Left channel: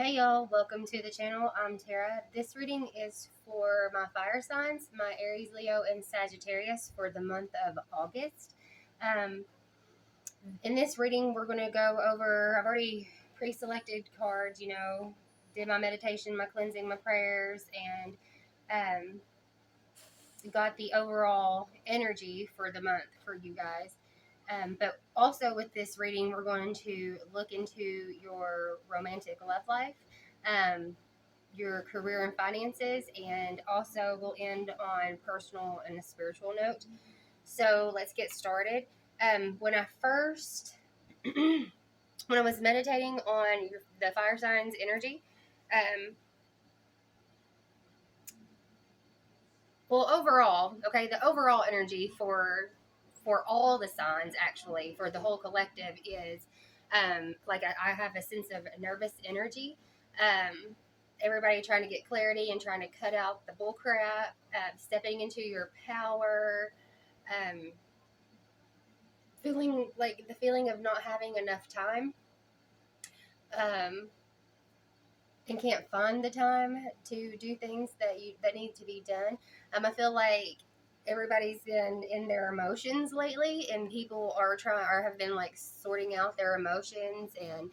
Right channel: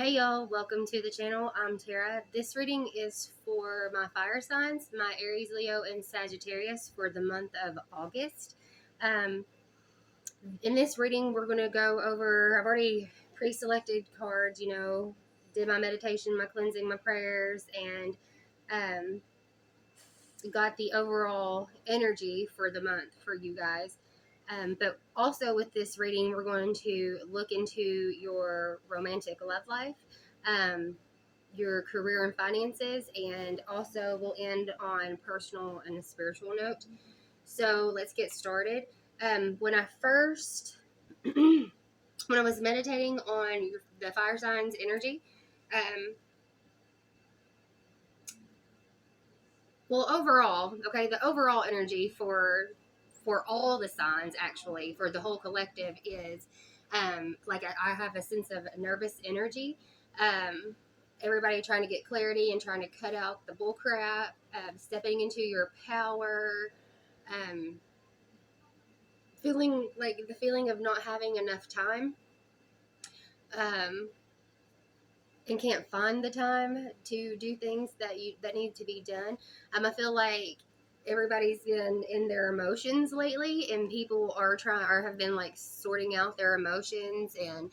Hey y'all, welcome to the channel. I'm Tara. This reading is for my fire signs, my Aries, Leo, and Sagittarius for the month of August. Um, in this reading, we're going to go over, I've already pre-selected cards, did my meditation, my cleansing, my prayers, and um, got the overall energy for the month for you guys. But also with this reading, we're going to look into your romantic love life, your career and finances, and also we'll end on personal and a spiritual note. So let's get started. When I first, when I was meditating on the fire signs energy, um, well, overall, okay, the overall energy for all the signs, actually, for the whole collective is like I have a sense of nervous energy. Um, Everybody trying to get clarity and trying to cut out the bull crap, stepping into your power, um, feeling like the feeling of not having enough time. Um, and can't find the time to do things that need to be done. I feel like everybody's been in their emotions lately, and people are trying or have been like sorting out their emotions and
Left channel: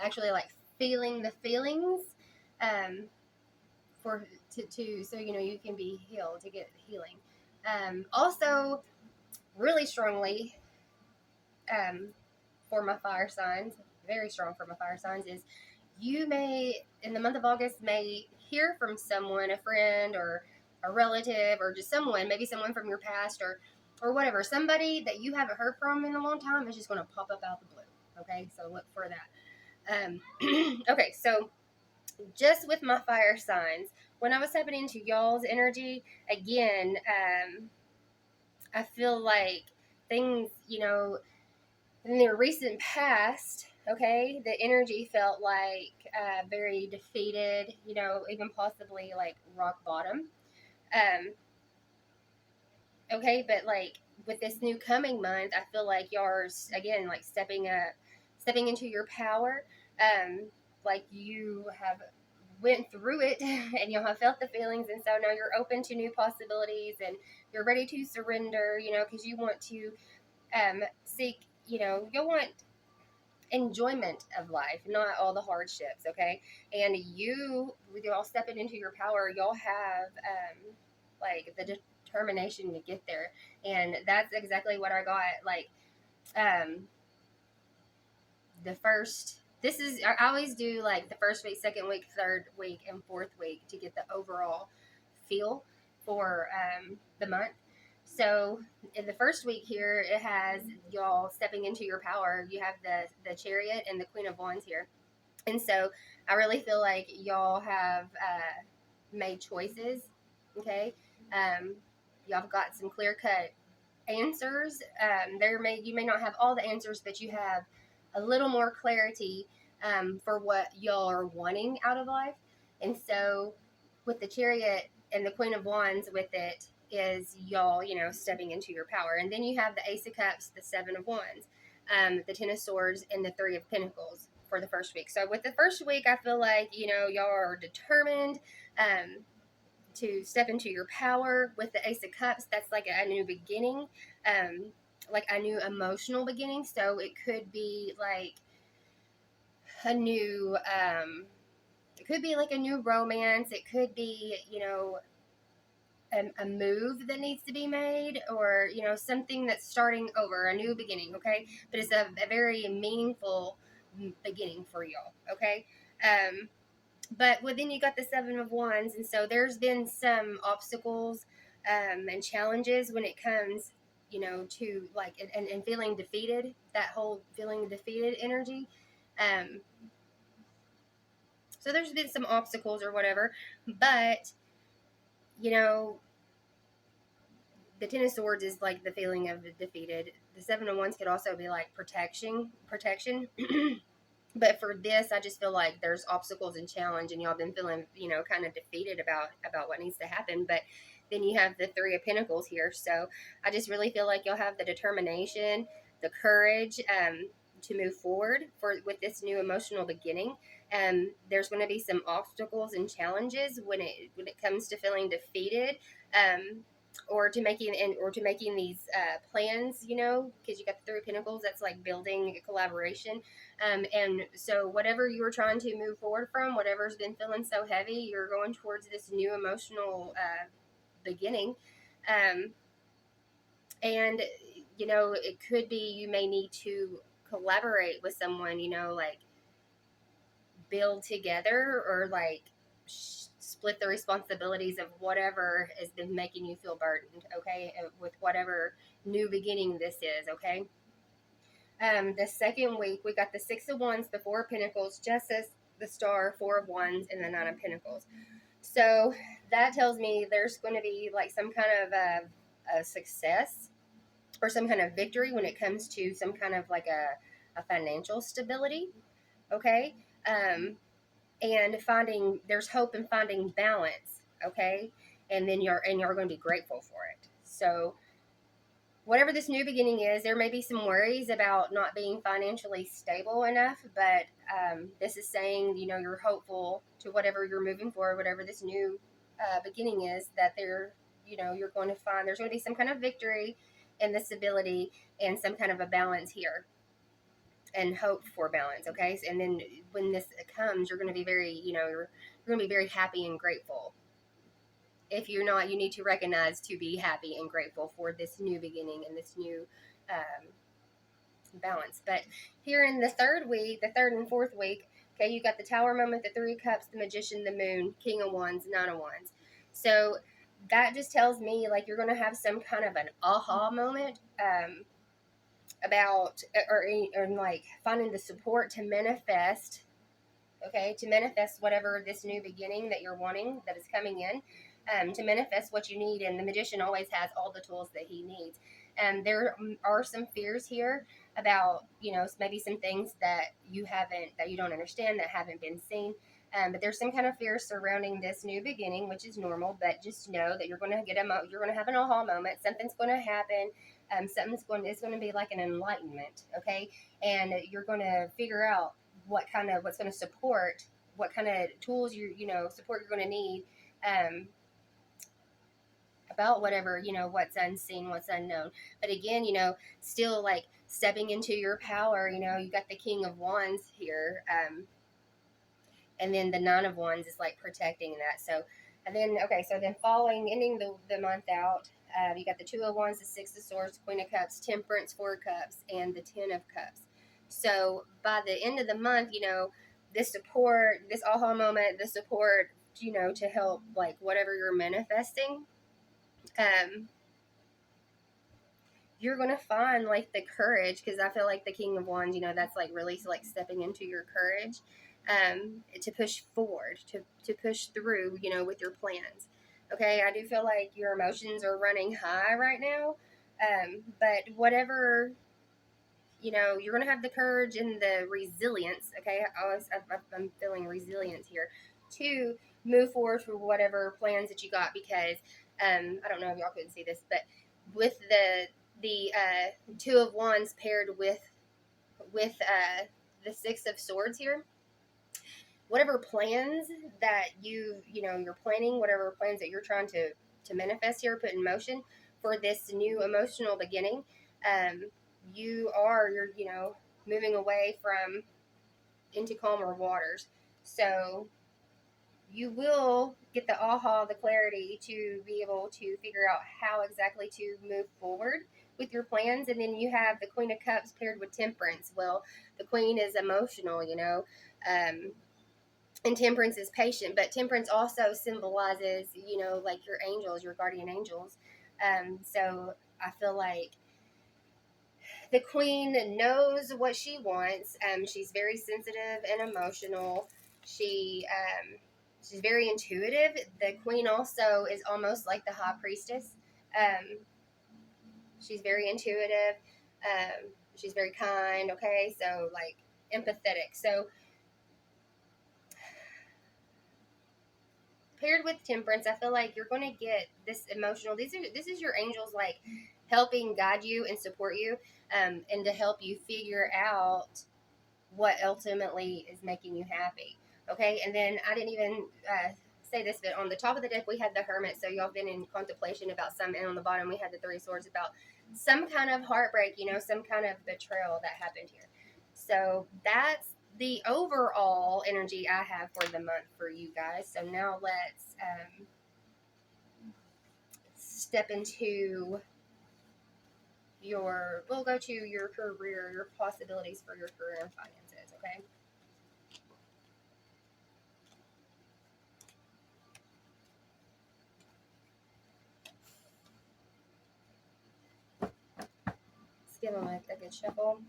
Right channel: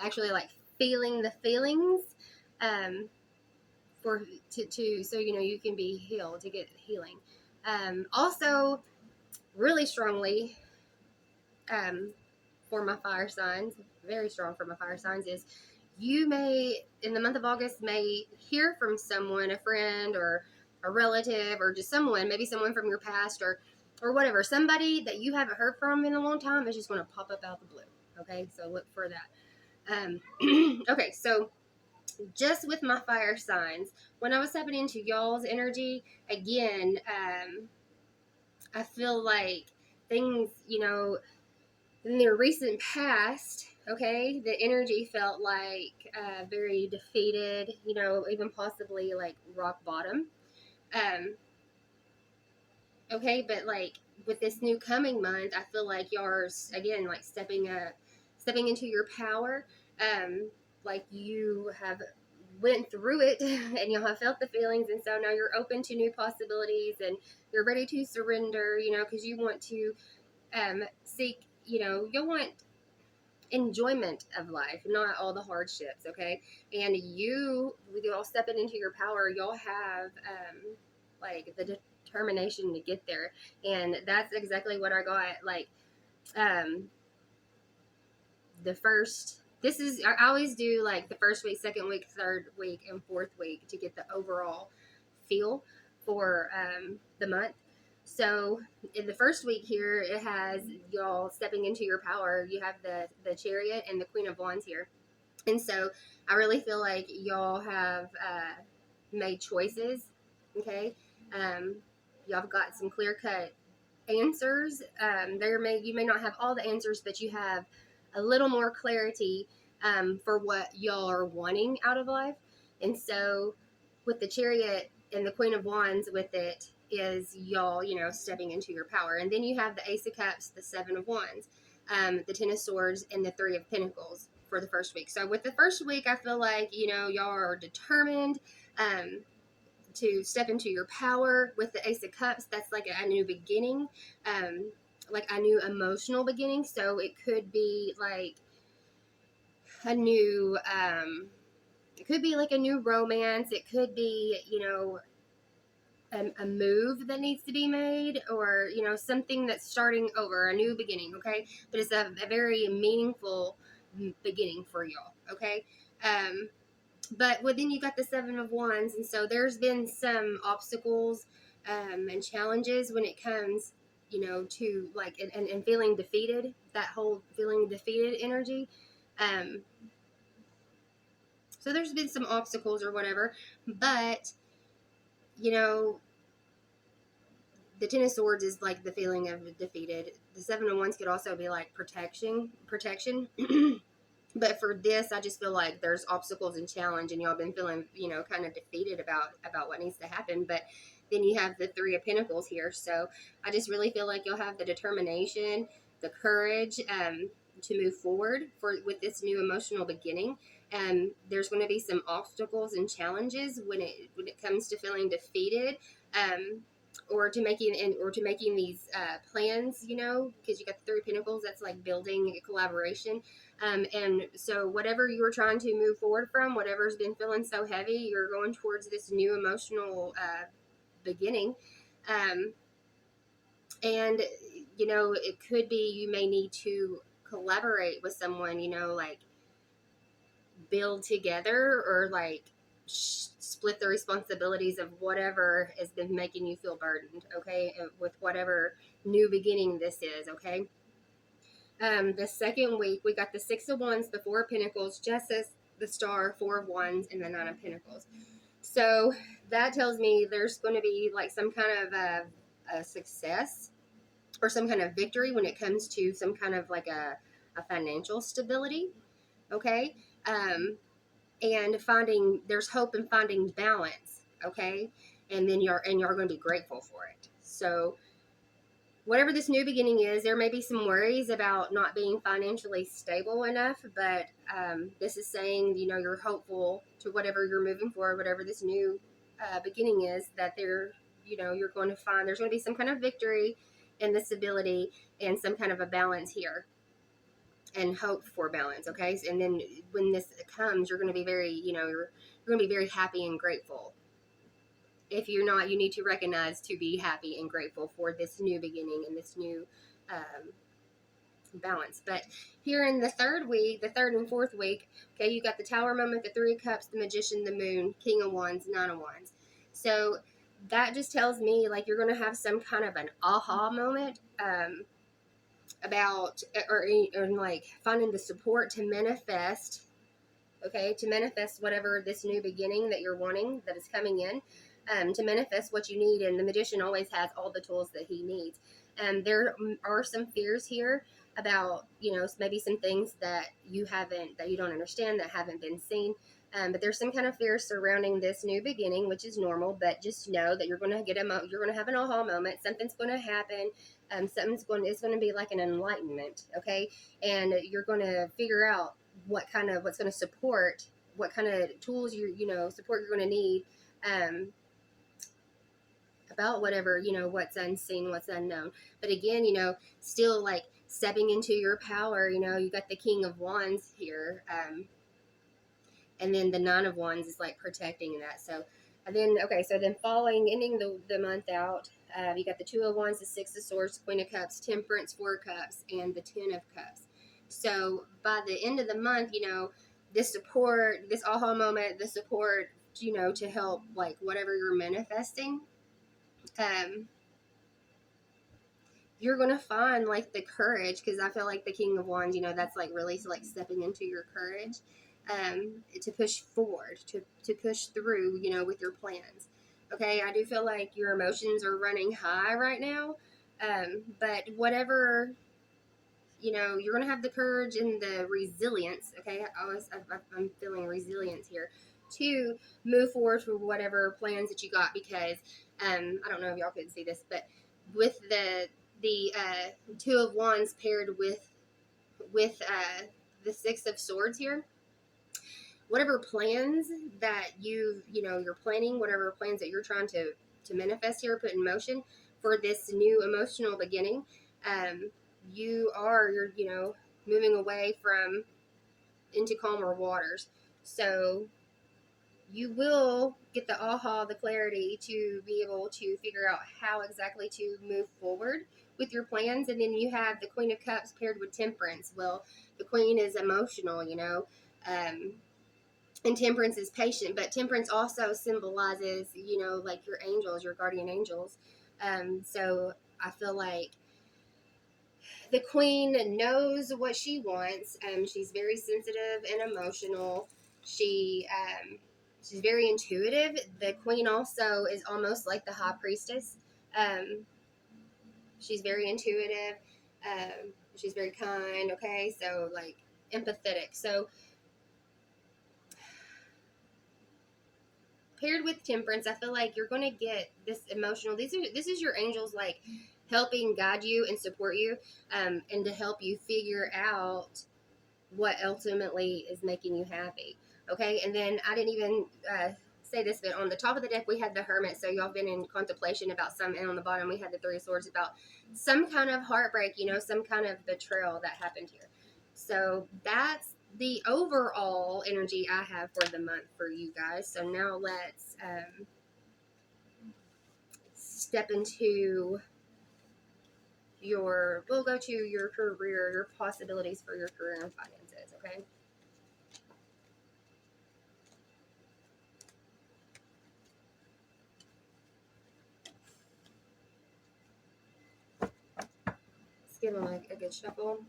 actually like feeling the feelings um, for to so you can be healed to get healing. Also, really strongly um, for my fire signs, very strong for my fire signs is you may in the month of August may hear from someone, a friend or a relative or just someone, maybe someone from your past or whatever, somebody that you haven't heard from in a long time is just going to pop up out the blue. Okay, so look for that. Okay, so just with my fire signs, when I was stepping into y'all's energy again, I feel like things, in their recent past, okay, the energy felt like very defeated, even possibly like rock bottom. Um, okay, but like with this new coming month, I feel like yours again, like stepping into your power. Like you have went through it and you have felt the feelings, and so now you're open to new possibilities and you're ready to surrender, because you want to seek, you want enjoyment of life, not all the hardships, okay? And with you all stepping into your power, y'all have like the determination to get there. And that's exactly what I got. Like um the first this is I always do like the first week, second week, third week, and fourth week to get the overall feel for the month. So in the first week here, it has y'all stepping into your power. You have the Chariot and the Queen of Wands here, and so I really feel like y'all have made choices. Okay, um, y'all have got some clear cut answers. You may not have all the answers, but you have a little more clarity for what y'all are wanting out of life. And so, with the Chariot and the Queen of Wands, with it is y'all, stepping into your power. And then you have the Ace of Cups, the Seven of Wands, the Ten of Swords, and the Three of Pentacles for the first week. So, with the first week, I feel like y'all are determined. To step into your power. With the Ace of Cups, that's like a new beginning, like a new emotional beginning. So it could be like a new, it could be like a new romance. It could be, a move that needs to be made, or something that's starting over, a new beginning. Okay, but it's a very meaningful beginning for y'all. Okay. But then you got the Seven of Wands, and so there's been some obstacles and challenges when it comes, to like and feeling defeated. That whole feeling defeated energy. Um, so there's been some obstacles or whatever, but you know, the Ten of Swords is like the feeling of defeated. The Seven of Wands could also be like protection. But for this, I just feel like there's obstacles and challenge, and y'all been feeling, kind of defeated about what needs to happen. But then you have the Three of Pentacles here, so I just really feel like you'll have the determination, the courage, to move forward with this new emotional beginning. There's going to be some obstacles and challenges when it comes to feeling defeated, um, or to making these plans. Because you got the Three of Pentacles, that's like building a collaboration. And so whatever you were trying to move forward from, whatever's been feeling so heavy, you're going towards this new emotional beginning. Um, and it could be you may need to collaborate with someone, like build together, or like split the responsibilities of whatever has been making you feel burdened, okay, with whatever new beginning this is, okay. The second week, we got the Six of Wands, the Four of Pentacles, Justice, the Star, Four of Wands, and the Nine of Pentacles. So that tells me there's going to be like some kind of a success or some kind of victory when it comes to some kind of like a financial stability, okay. And there's hope in finding balance, okay. And then you're going to be grateful for it. So whatever this new beginning is, there may be some worries about not being financially stable enough, but this is saying, you're hopeful to whatever you're moving for, whatever this new beginning is, that you're going to find there's going to be some kind of victory in this ability and some kind of a balance here, and hope for balance, okay. And then when this comes, you're going to be you're going to be very happy and grateful. If you're not, you need to recognize to be happy and grateful for this new beginning and this new balance. But here in the third and fourth week, okay, you got the Tower moment, the Three of Cups, the Magician, the Moon, King of Wands, Nine of Wands. So that just tells me like you're going to have some kind of an aha moment about or like finding the support to manifest, okay, to manifest whatever this new beginning that you're wanting, that is coming in, to manifest what you need. And the Magician always has all the tools that he needs. And there are some fears here about, maybe some things that you don't understand, that haven't been seen. But there's some kind of fear surrounding this new beginning, which is normal. But just know that you're going to you're going to have an aha moment. Something's going to happen. It's going to be like an enlightenment, okay? And you're going to figure out what's going to support, what kind of tools support you're going to need, about whatever, what's unseen, what's unknown. But again, still like stepping into your power. You got the King of Wands here, and then the Nine of Wands is like protecting that. So, and then ending the month out, you got the Two of Wands, the Six of Swords, Queen of Cups, Temperance, Four of Cups, and the Ten of Cups. So by the end of the month, this support, this aha moment, the support, to help like whatever you're manifesting, you're gonna find like the courage, because I feel like the King of Wands, that's like really like stepping into your courage, to push forward, to push through, with your plans. Okay, I do feel like your emotions are running high right now, but whatever, you're gonna have the courage and the resilience. Okay, I'm feeling resilience here to move forward for whatever plans that you got, because I don't know if y'all couldn't see this, but with the Two of Wands paired with the Six of Swords here, whatever plans that you're planning, whatever plans that you're trying to manifest here, put in motion for this new emotional beginning, you're moving away from into calmer waters. So you will get the aha, the clarity to be able to figure out how exactly to move forward with your plans. And then you have the Queen of Cups paired with Temperance. Well, the Queen is emotional, and Temperance is patient, but Temperance also symbolizes, like your angels, your guardian angels. So I feel like the Queen knows what she wants. She's very sensitive and emotional. She's very intuitive. The Queen also is almost like the High Priestess. She's very intuitive. She's very kind. Okay, so like empathetic. So paired with Temperance, I feel like you're going to get this emotional. This is your angels like helping guide you and support you, and to help you figure out what ultimately is making you happy. Okay, and then I didn't even say this, but on the top of the deck we had the Hermit, so y'all been in contemplation about some, and on the bottom we had the Three Swords about some kind of heartbreak, some kind of betrayal that happened here. So that's the overall energy I have for the month for you guys. So now let's step into we'll go to your career, your possibilities for your career and finances, okay? Let's give them a good shuffle.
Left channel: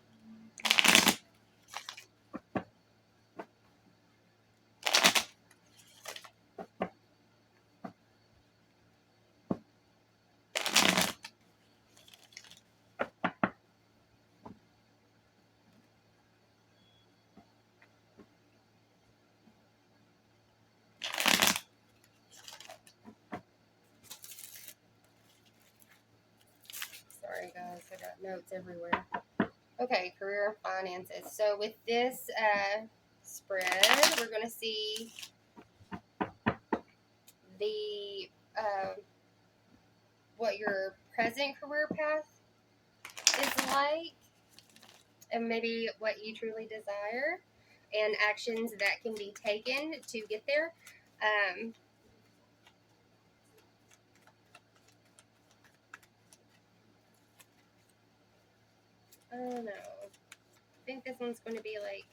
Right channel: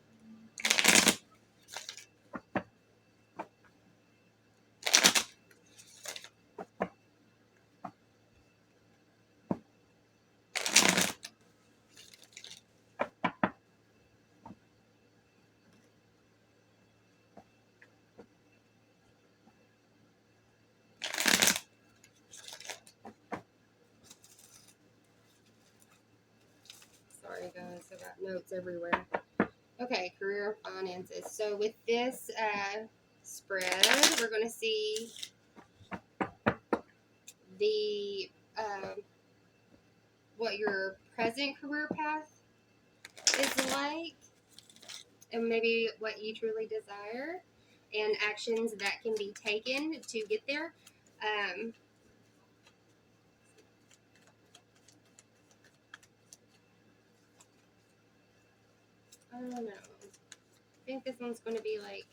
Sorry, guys, I got notes everywhere. Okay, career and finances. So with this spread, we're going to see the what your present career path is like, and maybe what you truly desire, and actions that can be taken to get there. I don't know. I think this one's going to be like,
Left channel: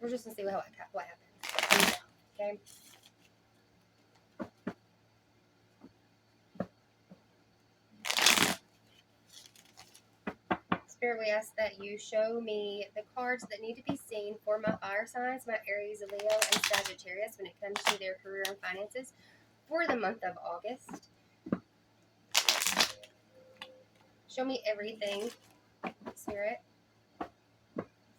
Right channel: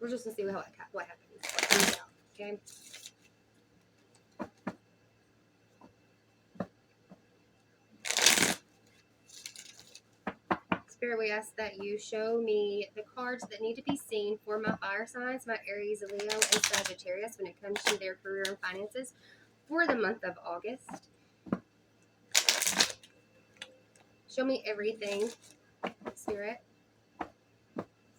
we're just going to see what happens. Okay. Spirit, we ask that you show me the cards that need to be seen for my fire signs, my Aries, Leo, and Sagittarius when it comes to their career and finances for the month of August. Show me everything, Spirit,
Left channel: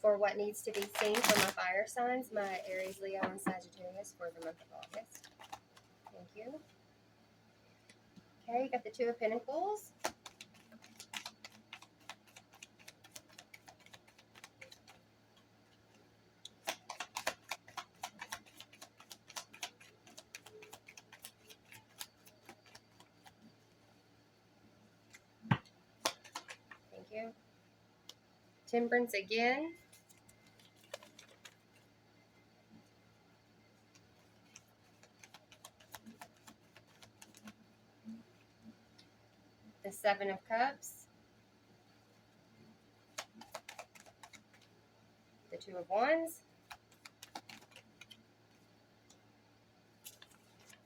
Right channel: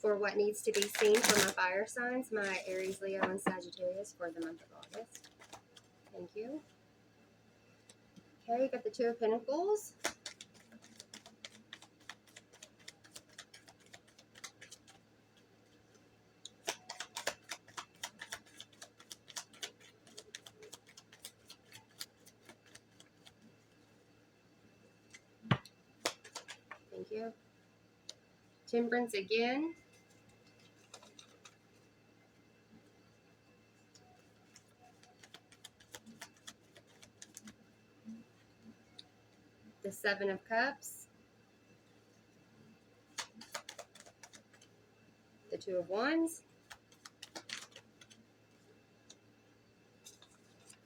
for what needs to be seen for my fire signs, my Aries, Leo, and Sagittarius for the month of August. Thank you. Okay, got the Two of Pentacles. Thank you. Temperance again. The Seven of Cups. The Two of Wands.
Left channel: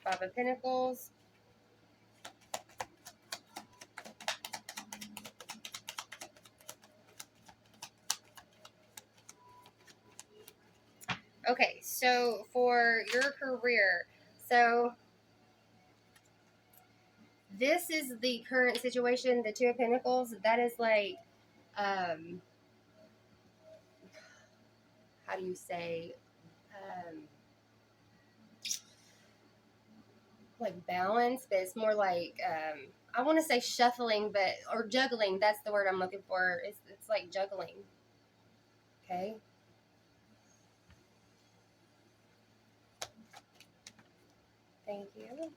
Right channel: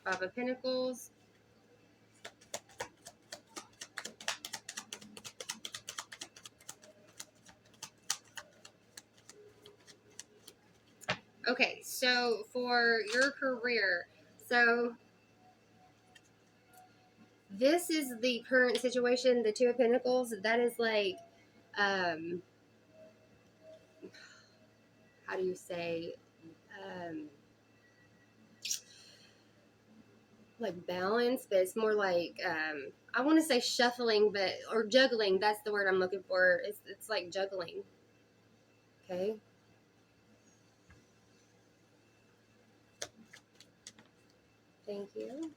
Five of Pentacles. Okay, so for your career, so this is the current situation, the Two of Pentacles. That is like, how do you say, like balance, but it's more like, I want to say shuffling, but, or juggling. That's the word I'm looking for. It's like juggling. Okay. Thank you.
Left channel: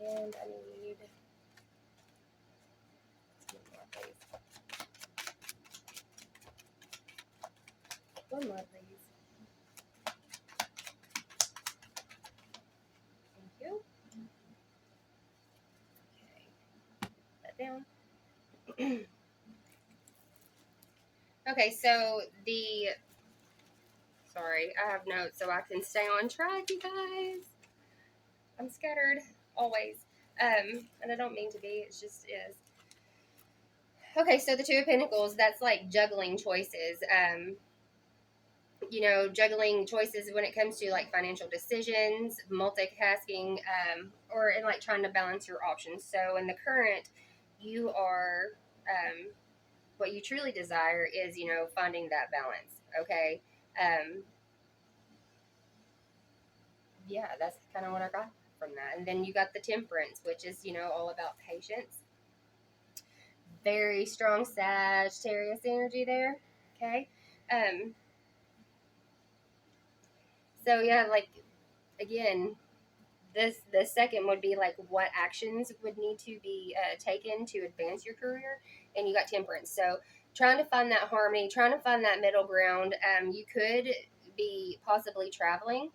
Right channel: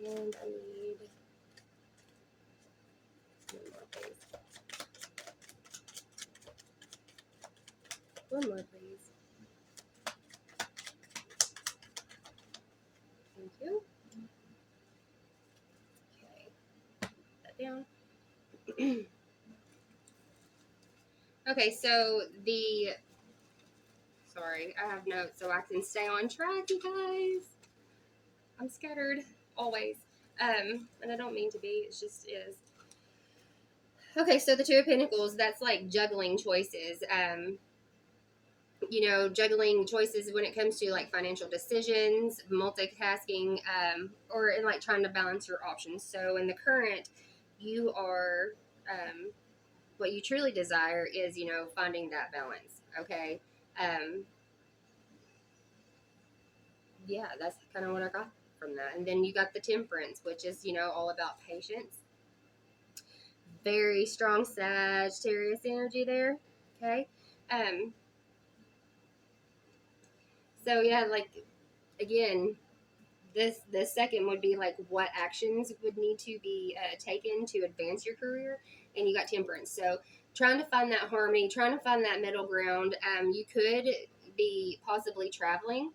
And I need one more, please. One more, please. Thank you. Okay. Put that down. Okay, so sorry, I have notes so I can stay on track, you guys. I'm scattered always. And I don't mean to be, it just is. Okay, so the Two of Pentacles, that's like juggling choices. Juggling choices when it comes to like financial decisions, multitasking, or in like trying to balance your options. So in the current, you are, what you truly desire is, finding that balance. Okay. Yeah, that's kind of what I got from that. And then you got the Temperance, which is, all about patience. Very strong Sagittarius energy there. Okay. So yeah, like, again, the second would be like what actions would need to be taken to advance your career, and you got Temperance. So trying to find that harmony, trying to find that middle ground. You could be possibly traveling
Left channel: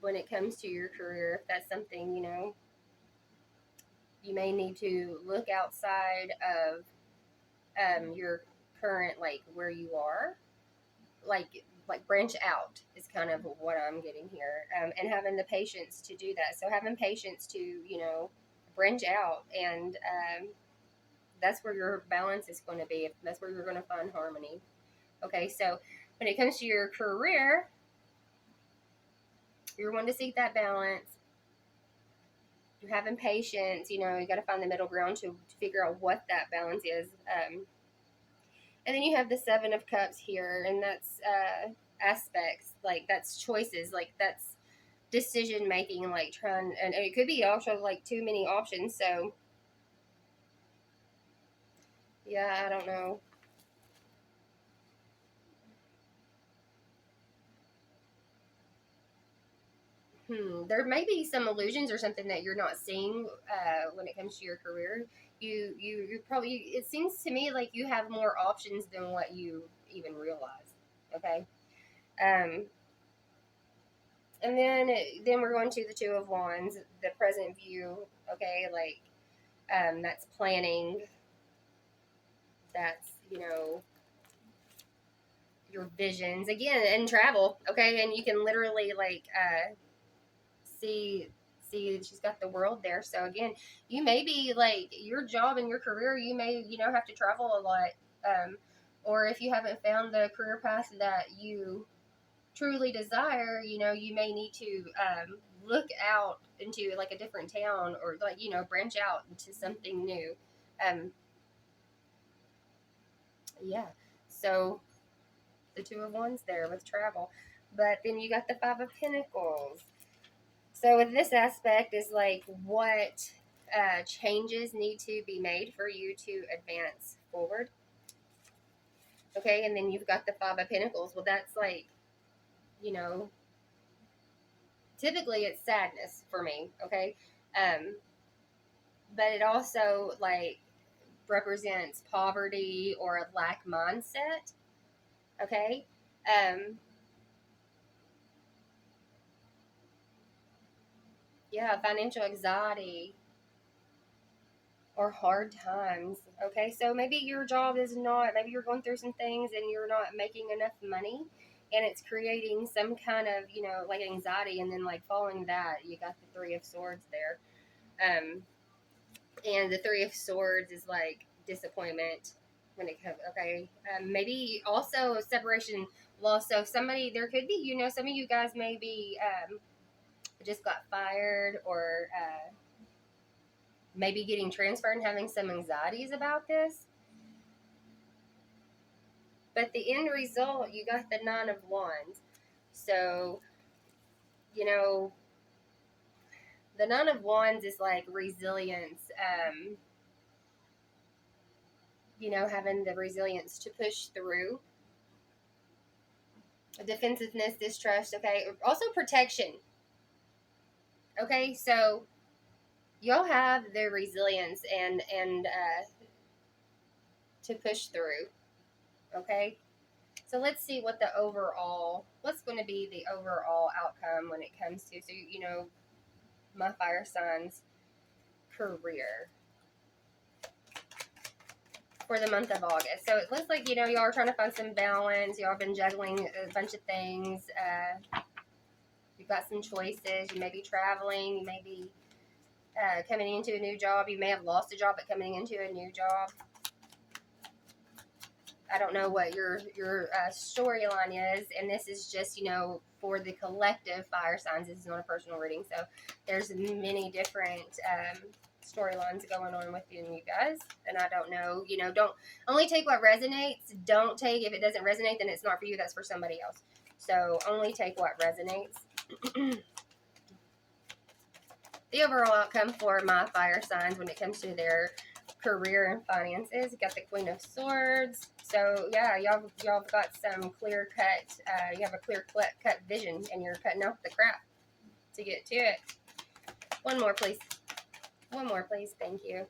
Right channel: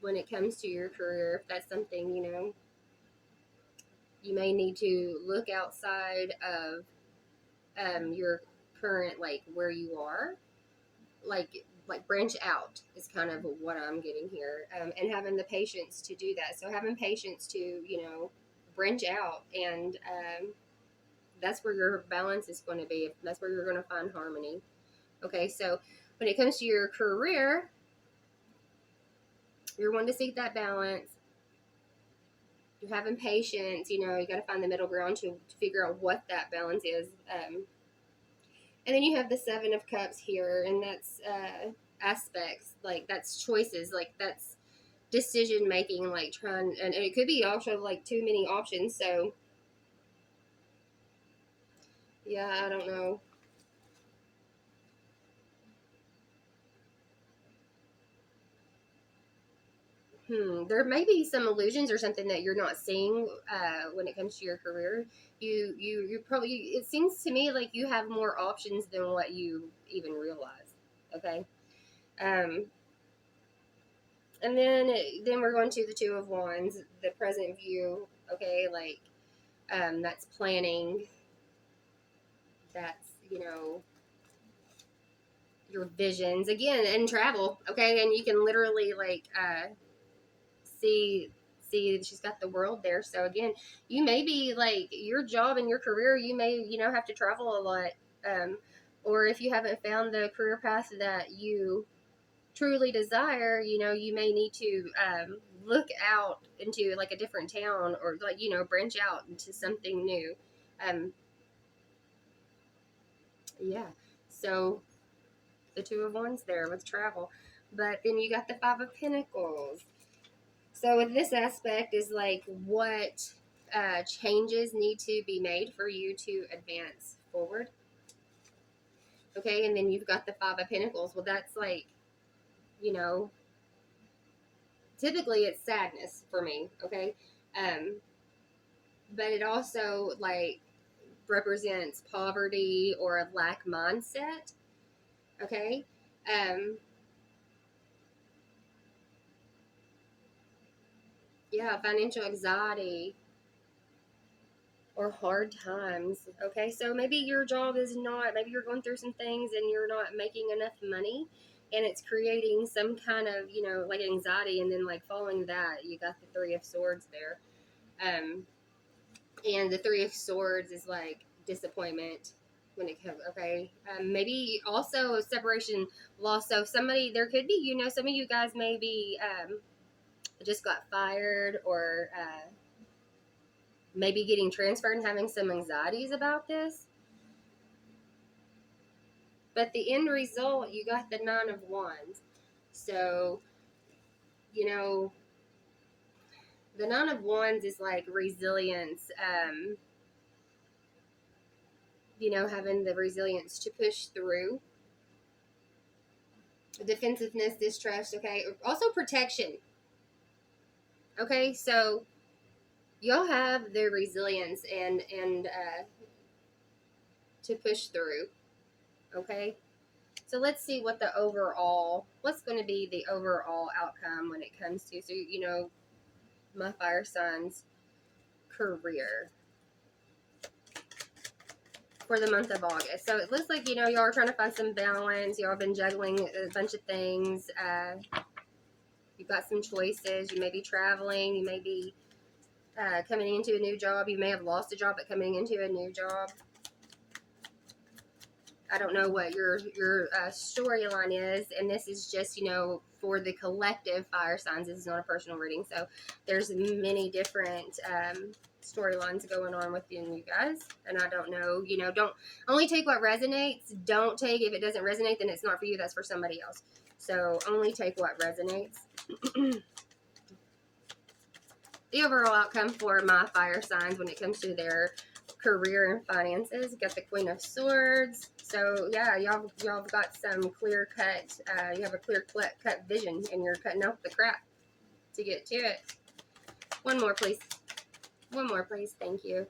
when it comes to your career, if that's something, you may need to look outside of your current, like, where you are, like branch out is kind of what I'm getting here, and having the patience to do that. So having patience to, branch out, and that's where your balance is going to be. That's where you're going to find harmony. Okay, so when it comes to your career, you're wanting to seek that balance. You're having patience. You got to find the middle ground to figure out what that balance is. And then you have the Seven of Cups here, and that's aspects, like that's choices, like that's decision making, like trying, and it could be also like too many options. So yeah, I don't know. There may be some illusions or something that you're not seeing when it comes to your career. You probably, it seems to me like you have more options than what you even realize. Okay. Um, and then we're going to the Two of Wands, the present view. Okay, like that's planning. That's, your visions again, and travel. Okay, and you can literally like see she's got the world there. So again, you may be like your job and your career, you may, have to travel a lot, or if you haven't found the career path that you truly desire, you may need to look out into like a different town, or like, branch out into something new. um yeah, so the Two of Wands there with travel. But then you got the Five of Pentacles. So with this aspect is like what changes need to be made for you to advance forward. Okay, and then you've got the Five of Pentacles. Well, that's like, you know, typically it's sadness for me. Okay, um, but it also like represents poverty or a lack mindset. Okay, yeah, financial anxiety or hard times. Okay, so maybe your job is not, maybe you're going through some things and you're not making enough money, and it's creating some kind of, like anxiety. And then, like, following that, you got the Three of Swords there. And the Three of Swords is like disappointment when it comes, okay. Maybe also separation, loss. So somebody, there could be, some of you guys maybe just got fired, or maybe getting transferred and having some anxieties about this. But the end result, you got the Nine of Wands. So, the Nine of Wands is like resilience, having the resilience to push through. Defensiveness, distrust, okay? Also protection. Okay, so you'll have the resilience and to push through. Okay, so let's see what's going to be the overall outcome when it comes to, so, my fire signs career for the month of August. So it looks like, y'all are trying to find some balance. Y'all have been juggling a bunch of things. You've got some choices. You may be traveling. You may be coming into a new job. You may have lost a job, but coming into a new job. I don't know what your storyline is, and this is just, for the collective fire signs. This is not a personal reading, so there's many different storylines going on within you guys, and I don't know. Don't only take what resonates. Don't take, if it doesn't resonate, then it's not for you. That's for somebody else. So only take what resonates. The overall outcome for my fire signs when it comes to their career and finances. You got the Queen of Swords. So yeah, y'all got some clear cut. You have a clear cut vision, and you're cutting out the crap to get to it. One more, please. One more, please. Thank you.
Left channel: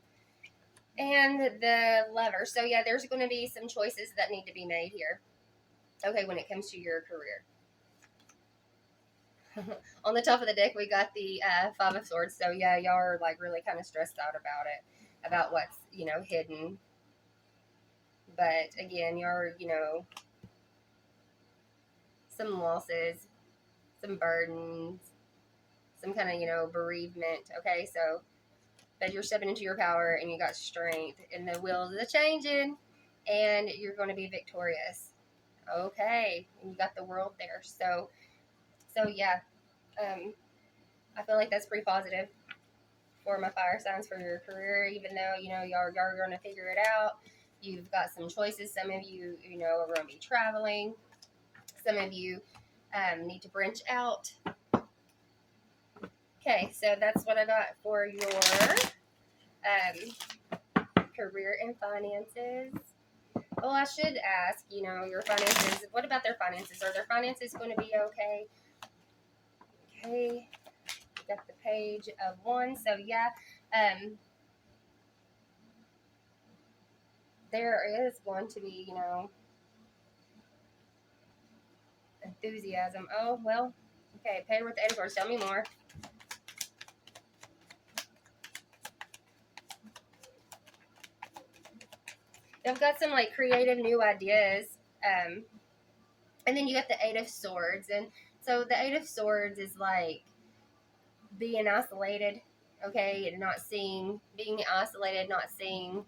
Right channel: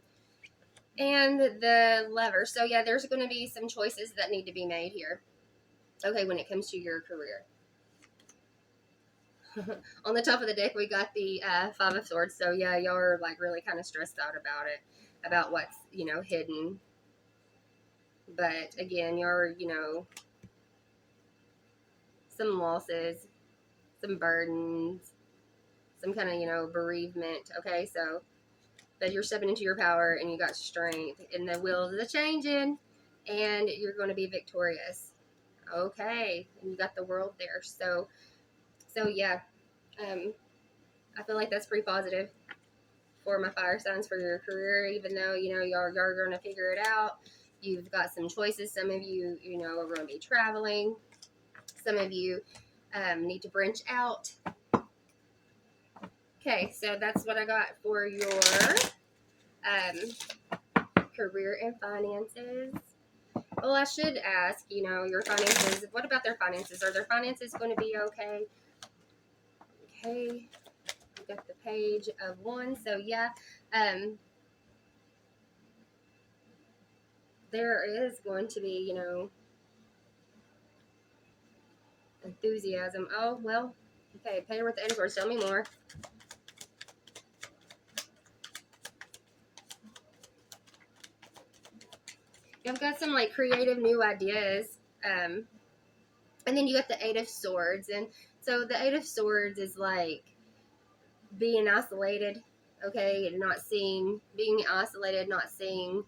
And the Lover. So yeah, there's going to be some choices that need to be made here. Okay, when it comes to your career. On the top of the deck, we got the Five of Swords. So yeah, y'all are like really kind of stressed out about it, about what's, you know, hidden. But again, you're, you know, some losses, some burdens, some kind of, you know, bereavement. Okay, so but you're stepping into your power and you got strength, and the wheels are changing, and you're going to be victorious. Okay, and you got the World there. So yeah, I feel like that's pretty positive for my fire signs for your career, even though, you know, you're going to figure it out. You've got some choices. Some of you, you know, are going to be traveling. Some of you need to branch out. Okay, so that's what I got for your career and finances. Well, I should ask, you know, your finances. What about their finances? Are their finances going to be okay? Okay, we got the Page of Wands. So yeah, there is going to be, you know, enthusiasm. Oh, well, okay, Page with the End Cards. Tell me more. I've got some like creative new ideas. And then you got the Eight of Swords. And so the Eight of Swords is like being isolated, okay, and not seeing, being isolated, not seeing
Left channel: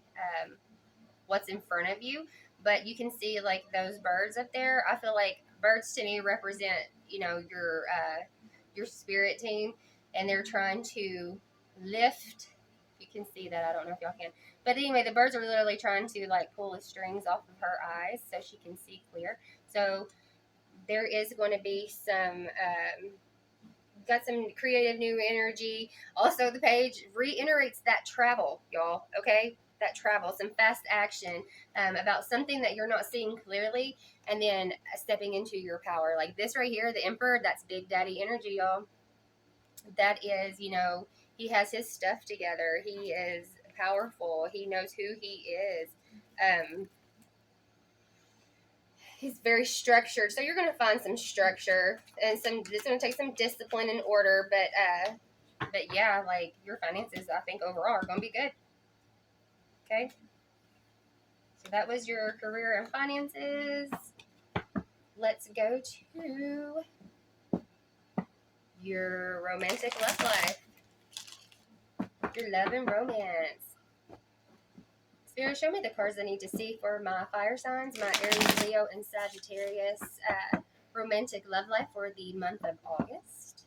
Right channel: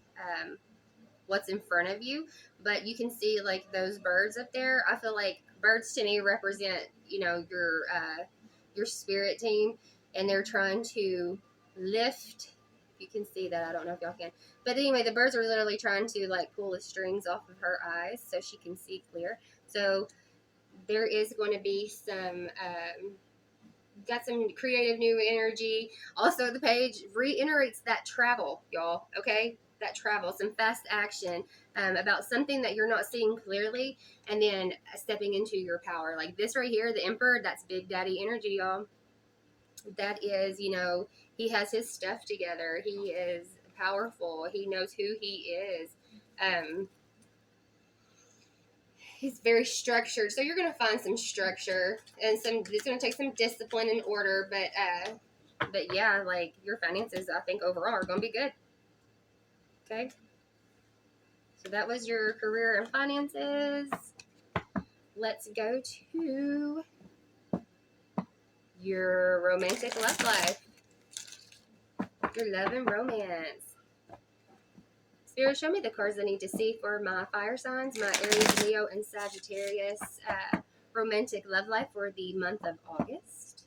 what's in front of you. But you can see like those birds up there. I feel like birds to me represent, you know, your spirit team, and they're trying to lift. You can see that. I don't know if y'all can, but anyway, the birds are literally trying to like pull the strings off of her eyes so she can see clear. So there is going to be some got some creative new energy. Also, the page reiterates that travel, y'all. Okay, that travel, some fast action about something that you're not seeing clearly, and then stepping into your power. Like this right here, the Emperor. That's Big Daddy energy, y'all. That is, you know, he has his stuff together. He is powerful. He knows who he is. He's very structured. So you're going to find some structure, and it's going to take some discipline and order, but yeah, like your finances, I think overall are going to be good. Okay. So that was your career and finances. Let's go to your romantic love life. Your love and romance. Spirit, show me the cards I need to see for my fire signs, my Aries, Leo, and Sagittarius romantic love life for the month of August.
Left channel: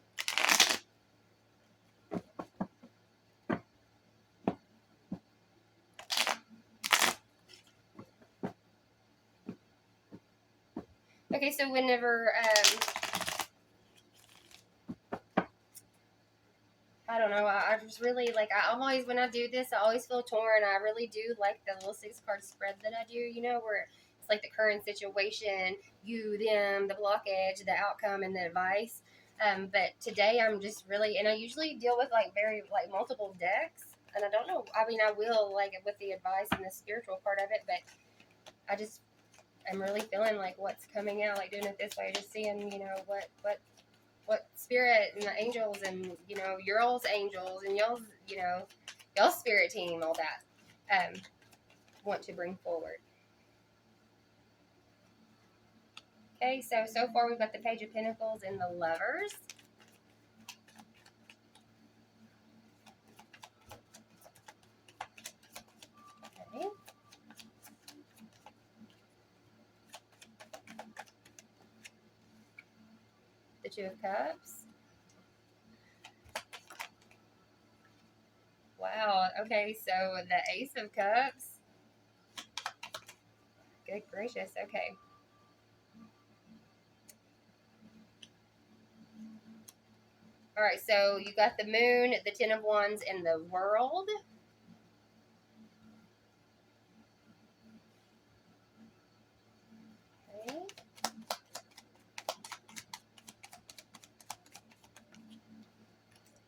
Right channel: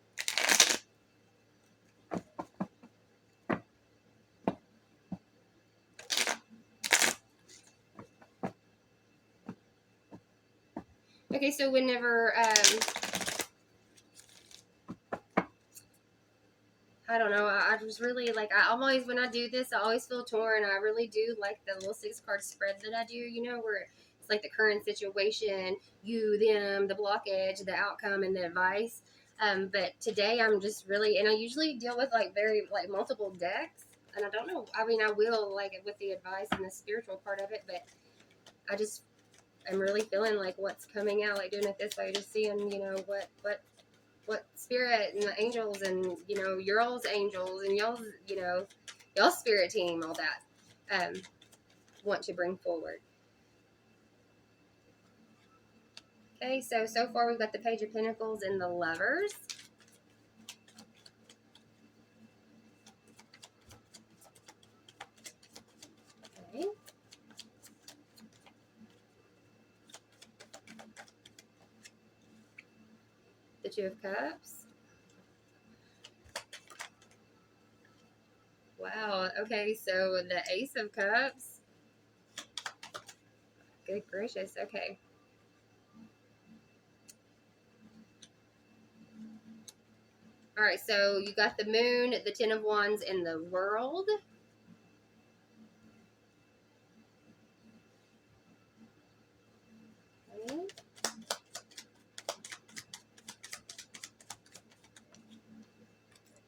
Okay, so whenever, I don't know, I just really, like, I'm always, when I do this, I always feel torn. I really do like the little 6-card spread that I do, you know, where it's like the current situation, you, them, the blockage, the outcome, and the advice. But today I'm just really, and I usually deal with, like, very, like, multiple decks. And I don't know, I mean, I will, like, with the advice and the spiritual part of it, but I just, I'm really feeling like what's coming out, like doing it this way, just seeing, you know, what spirit and the angels and, you know, your all's angels and y'all's, you know, y'all's spirit team, all that, want to bring forward. Okay, so far we've got the Page of Pentacles and the Lovers. Okay. The Two of Cups. Wow, okay, so the Ace of Cups. Good gracious, okay. All right, so you got the moon, the 10 of wands, and the world. Okay.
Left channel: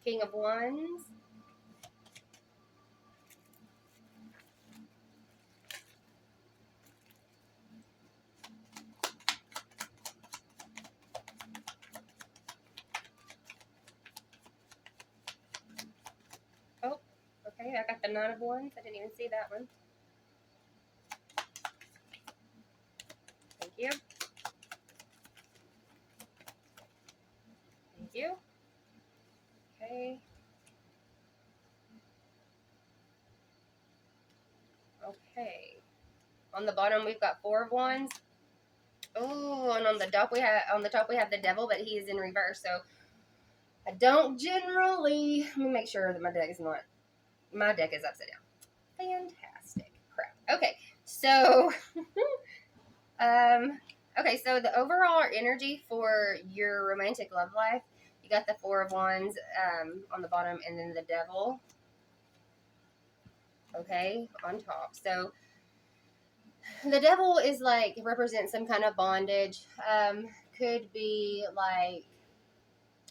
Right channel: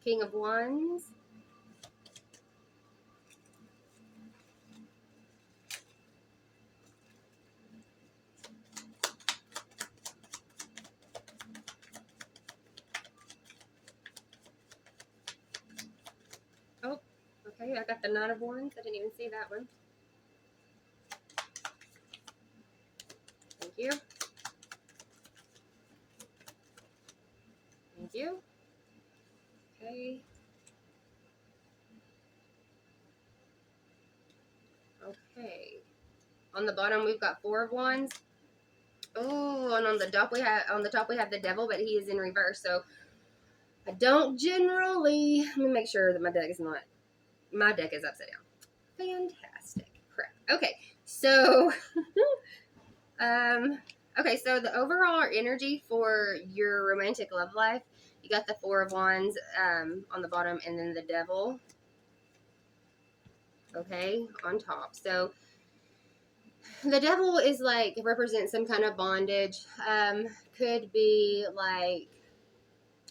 King of wands. Oh, okay, I got the nine of wands. I didn't even see that one. Thank you. Thank you. Okay. Okay. On the bottom we've got four of wands. Oh, and on the top we have the devil, but he is in reverse. So I don't generally. Let me make sure that my deck is upside down. Fantastic. Crap. Okay. So okay, so the overall energy for your romantic love life, you got the four of wands on the bottom, and then the devil, okay, on top. So the devil is like represents some kind of bondage. Could be like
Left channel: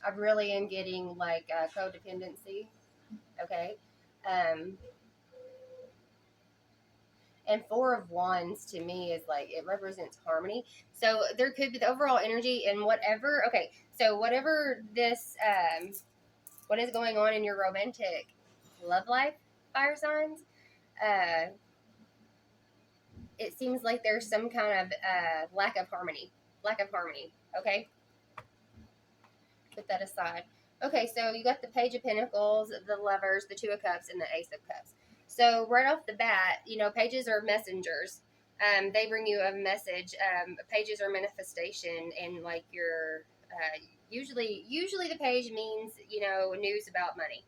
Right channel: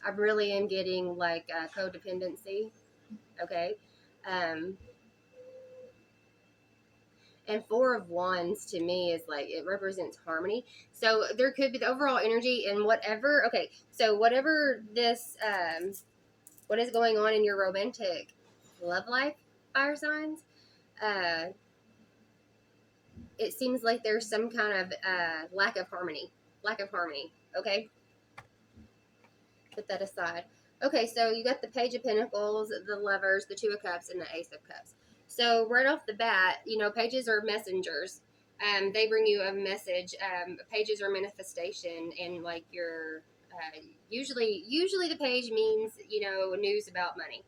I really am getting like codependency. Okay. Um, and four of wands to me is like it represents harmony. So there could be the overall energy and whatever. Okay, so whatever this what is going on in your romantic love life, fire signs, uh, it seems like there's some kind of lack of harmony. Lack of harmony. Okay, put that aside. Okay, so you got the Page of Pentacles, the Lovers, the Two of Cups, and the Ace of Cups. So right off the bat, you know, pages are messengers. They bring you a message. Pages are manifestation, and like your usually the page means, you know, news about money.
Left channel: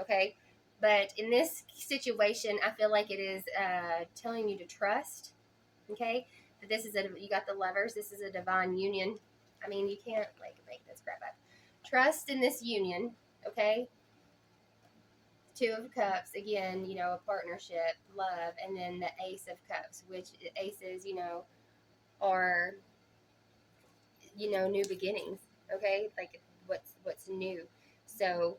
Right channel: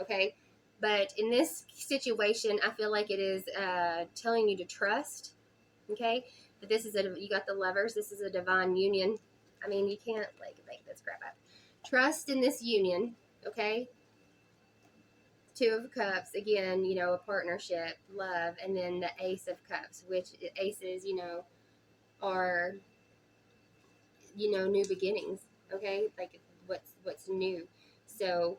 Okay, but in this situation, I feel like it is telling you to trust. Okay, that this is you got the Lovers. This is a divine union. I mean, you can't like make this crap up. Trust in this union. Okay, Two of Cups, again, you know, a partnership, love, and then the Ace of Cups, which aces, you know, are, you know, new beginnings. Okay, like what's new. So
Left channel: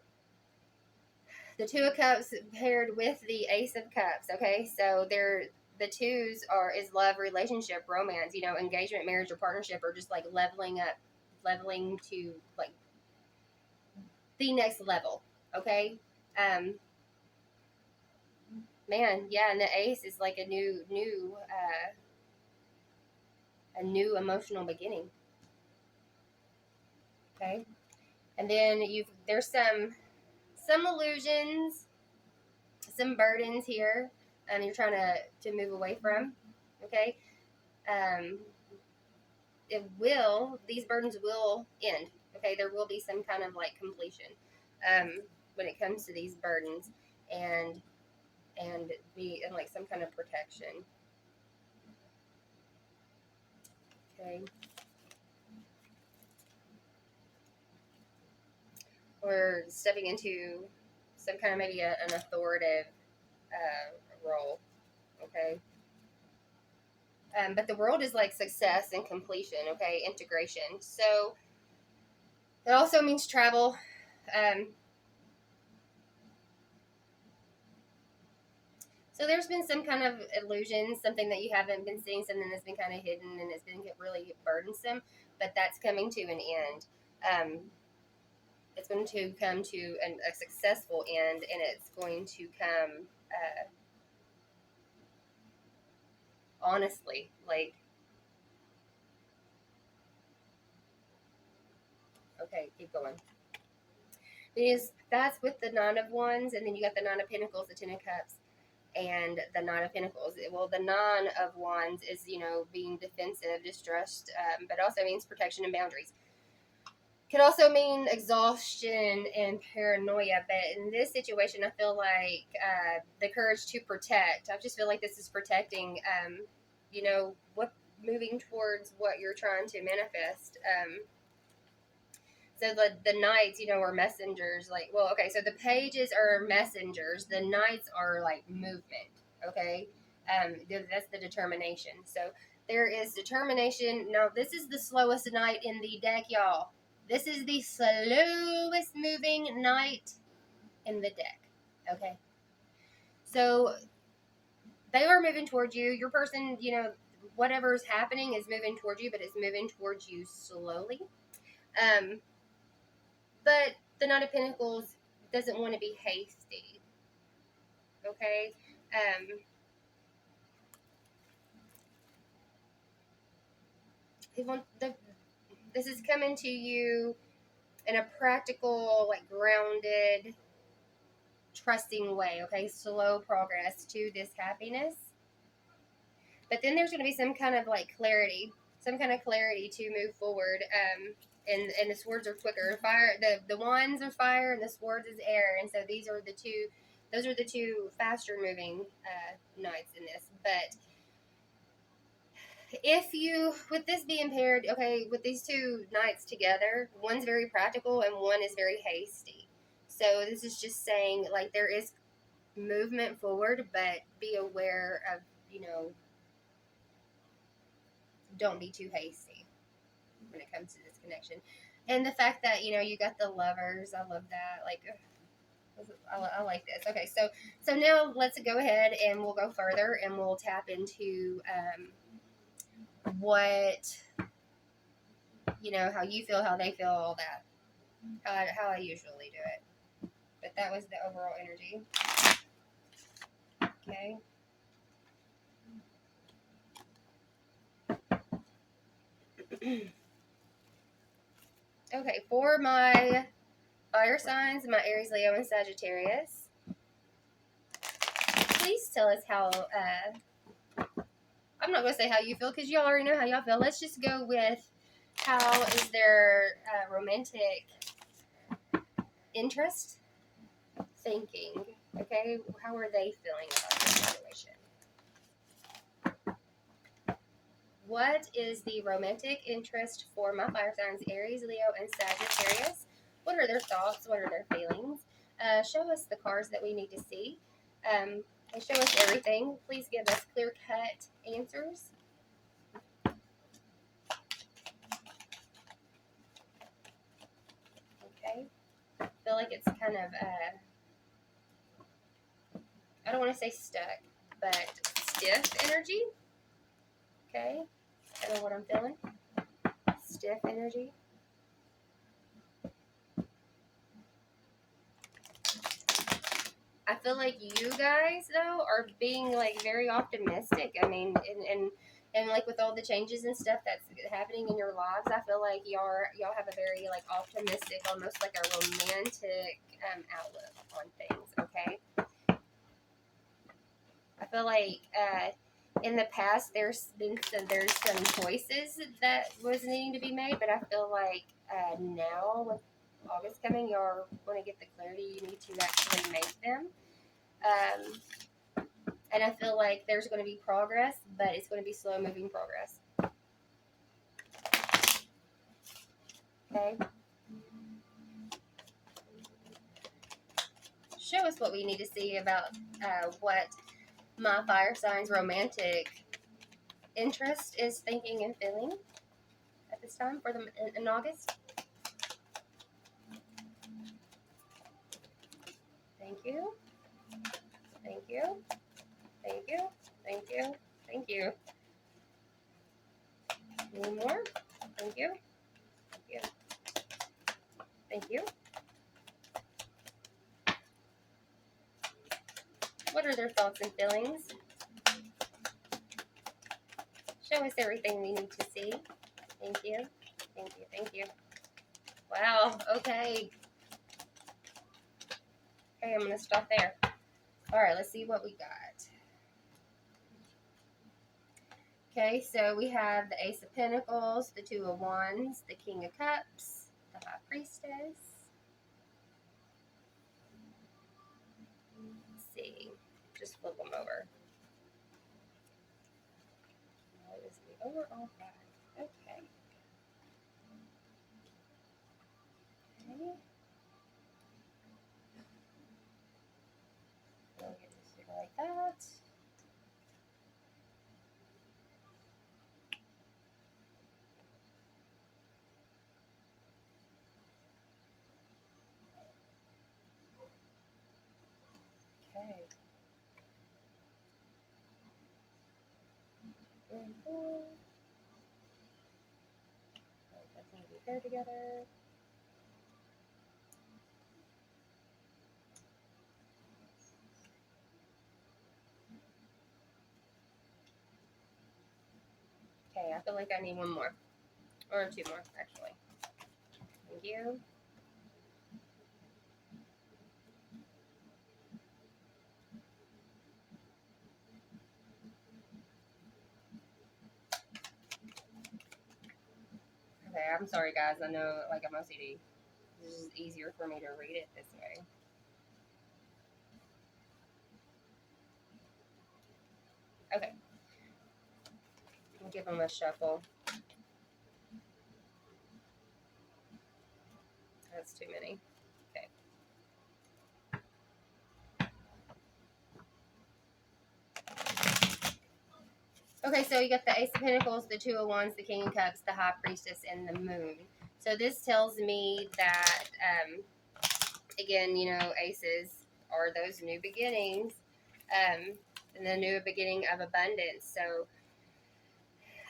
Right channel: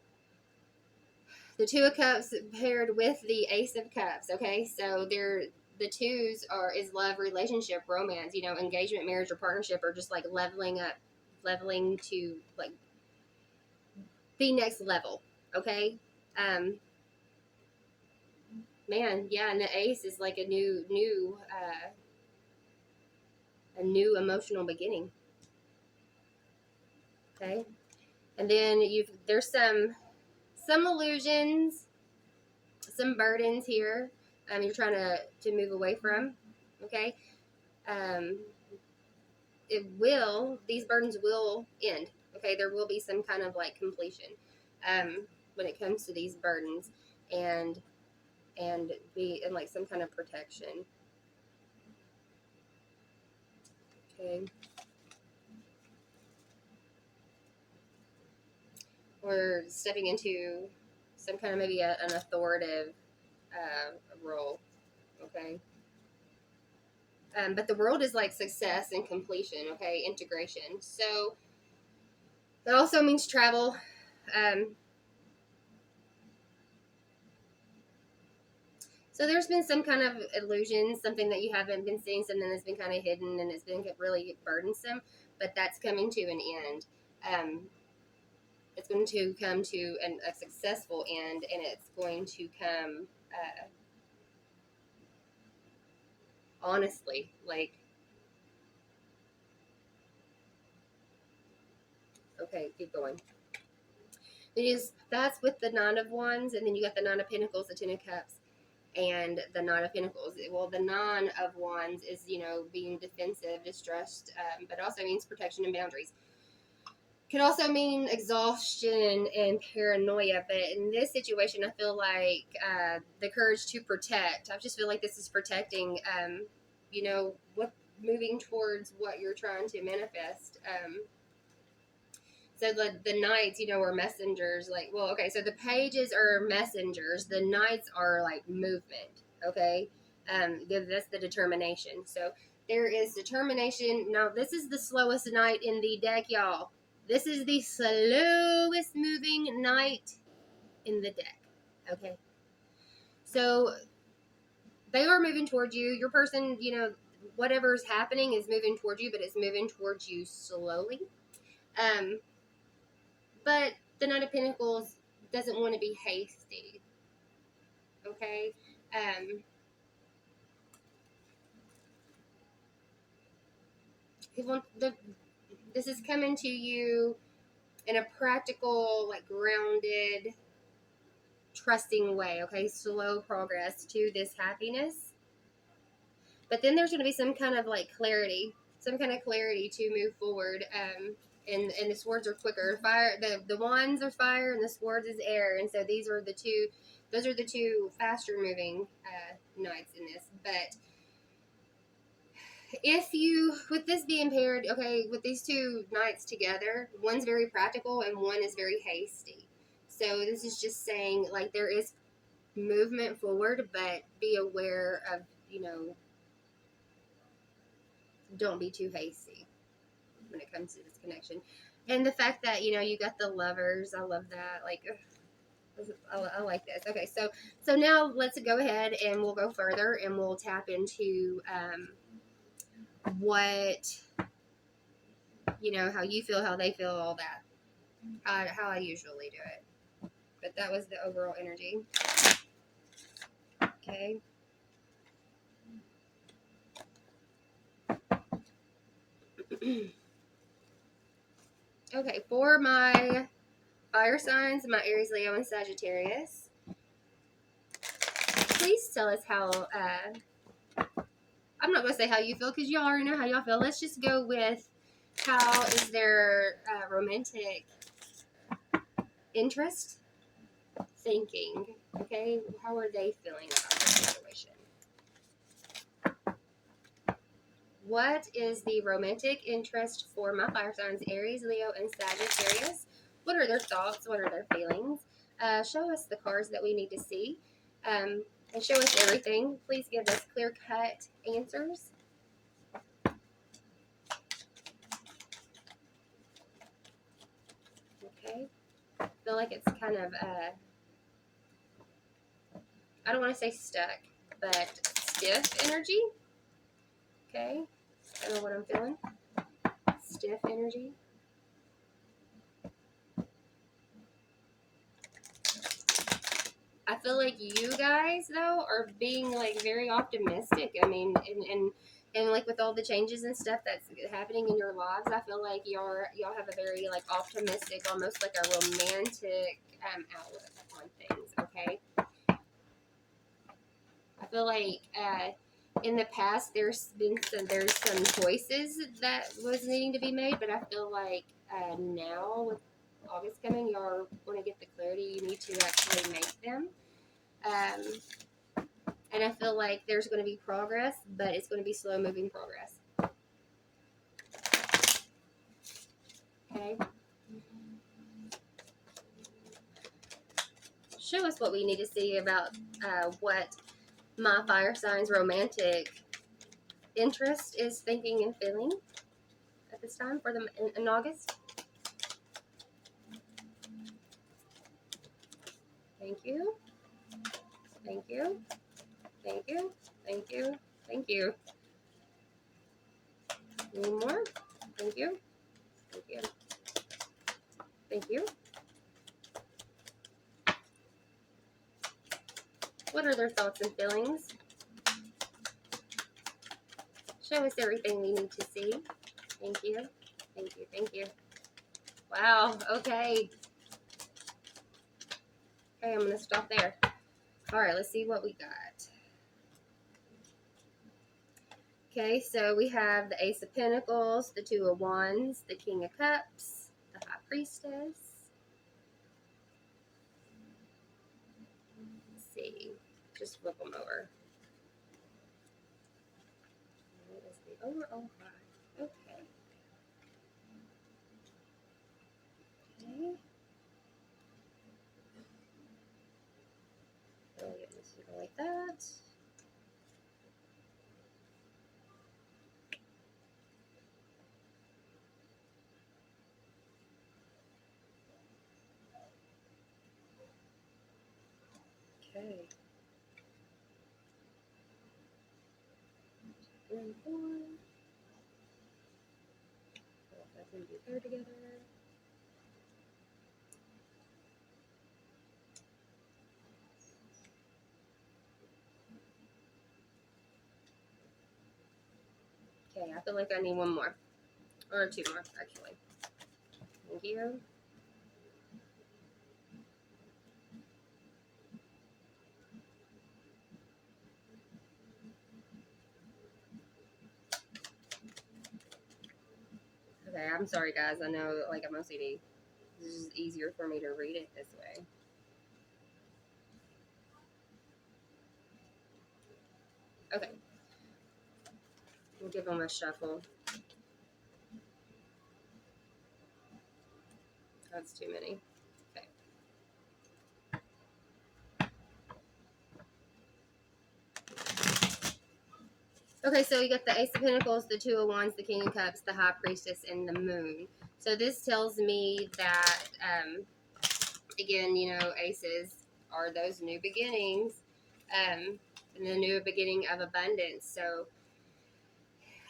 the Two of Cups paired with the Ace of Cups. Okay, so they're the twos are is love, relationship, romance, you know, engagement, marriage, or partnership, or just like leveling up, leveling to like the next level. Okay, um, man, yeah, and the ace is like a new emotional beginning. Okay, and then there's some illusions, some burdens here. You're trying to move away from. Okay, um, these burdens will end. Okay, there will be some kind of like completion when it comes to these burdens, and be in like some kind of protection. Okay. Or stepping into some kind of maybe an authoritative role. Okay. But the world is like success and completion. Okay, integration. So that also means travel. Um, so there's been some kind of illusion, something that you haven't been seeing, something that's been kind of hidden and it's been really burdensome. But that's coming to an end. It's going to come to a successful end, and it's going to come honestly, like, okay, keep going. Because that's with the Nine of Wands, and then you got the Nine of Pentacles, the Ten of Cups, and the Nine of Pentacles. Well, the Nine of Wands is, you know, being defensive, distressed, but also means protection and boundaries. Could also mean exhaustion and paranoia, but in this situation, I feel like the courage to protect. I just feel like this is protecting, you know, what moving towards what you're trying to manifest. So the knights, are messengers. Like, well, okay, so the pages are messengers. The knights are like movement. Okay, that's the determination. So there is determination. Now this is the slowest knight in the deck, y'all. This is the slowest moving knight in the deck. Okay, so they are moving towards you. Your person, whatever's happening is moving towards you, but it's moving towards you slowly. Um, but the Knight of Pentacles doesn't want to be hasty. Okay? He wants this is coming to you in a practical, like grounded, trusting way, okay? Slow progress to this happiness. But then there's going to be some kind of like clarity, to move forward. And the swords are quicker. Fire, the wands are fire, and the swords is air. And so these are the two. Those are the two faster moving knights in this. But if you, with this being paired, okay, with these two knights together, one's very practical and one is very hasty. So this is just saying like there is movement forward, but be aware of don't be too hasty when it comes to this connection. And the fact that you got the lovers, I love that. Like, I like this. Okay, so now let's go ahead and we'll go further and we'll tap into what how you feel, how they feel, all that. How I usually do it. But that was the overall energy. Okay. Okay, for my fire signs, my Aries, Leo, and Sagittarius, please tell us how, I'm not going to say how you feel because you already know how y'all feel. Let's just go with how is their romantic interest thinking, okay? How are they feeling about the situation? What is the romantic interest for my fire signs, Aries, Leo, and Sagittarius? What are their thoughts? What are their feelings? Show us the cards that we need to see. And show us everything. Please give us clear-cut answers. Okay. I feel like it's kind of, I don't want to say stuck, but stiff energy. Okay. I know what I'm feeling. Stiff energy. I feel like you guys though are being like very optimistic. I mean, and like with all the changes and stuff that's happening in your lives, I feel like y'all have a very like optimistic, almost like a romantic outlook on things. Okay. I feel like in the past there's some choices that was needing to be made, but I feel like now with August coming, y'all want to get the clarity you need to actually make them. And I feel like there's going to be progress, but it's going to be slow moving progress. Okay. Show us what we need to see about what my fire signs romantic interest is thinking and feeling at this time for them in August. Thank you. Thank you. Thank you. Thank you. Thank you. Any more? Thank you. Thank you. Thank you. What are their thoughts and feelings? Show us everything we need to see. Thank you. Thank you. Thank you. Wow. Okay. Okay, I'm going to stop there. All right, let's see what we got. Okay, so we have the Ace of Pentacles, the Two of Wands, the King of Cups, the High Priestess. Let's see. Just flip them over. What is the overall vibe? Okay. that. Okay. 3 and 4. That's going to be paired together. Okay, I feel like I need one more. Or 2 more, actually. Thank you. Okay, I'm sorry, guys. I know, like, I'm OCD. This is easier for me to read it this way. Okay. We'll give them a shuffle. That's too many. Okay. Okay, so you got the Ace of Pentacles, the Two of Wands, the King of Cups, the High Priestess, and the Moon. So this tells me that, again, you know, aces are those new beginnings, and the new beginning of abundance. So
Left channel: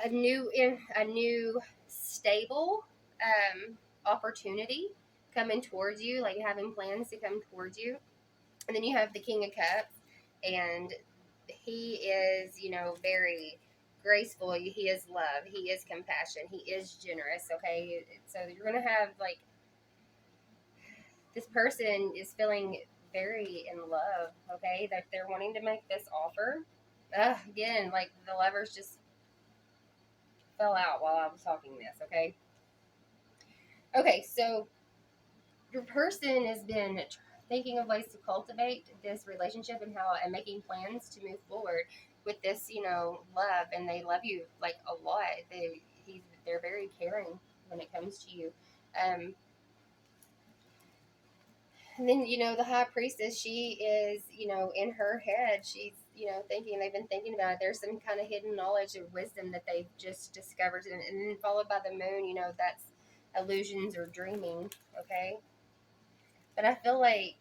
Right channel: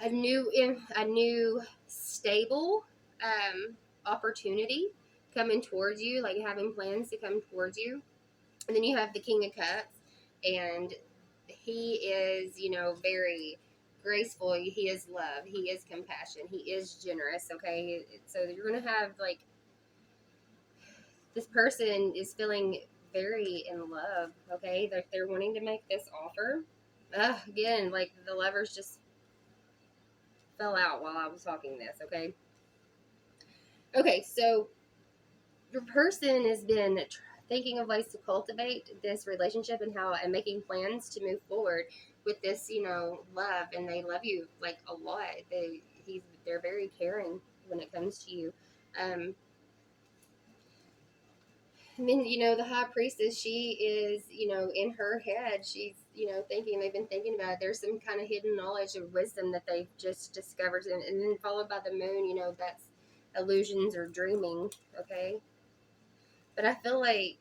a new stable opportunity coming towards you, like having plans to come towards you. And then you have the King of Cups, and he is, you know, very graceful. He is love. He is compassion. He is generous. Okay, so you're gonna have like this person is feeling very in love. Okay, they're wanting to make this offer. Again, like the lovers just fell out while I was talking this. Okay, so your person has been thinking of ways to cultivate this relationship and making plans to move forward with this, you know, love, and they love you like a lot. They're very caring when it comes to you. And then, you know, the High Priestess, she is, you know, in her head, she's, you know, they've been thinking about it. There's some kind of hidden knowledge or wisdom that they've just discovered. And then followed by the moon, you know, that's illusions or dreaming, okay? But I feel like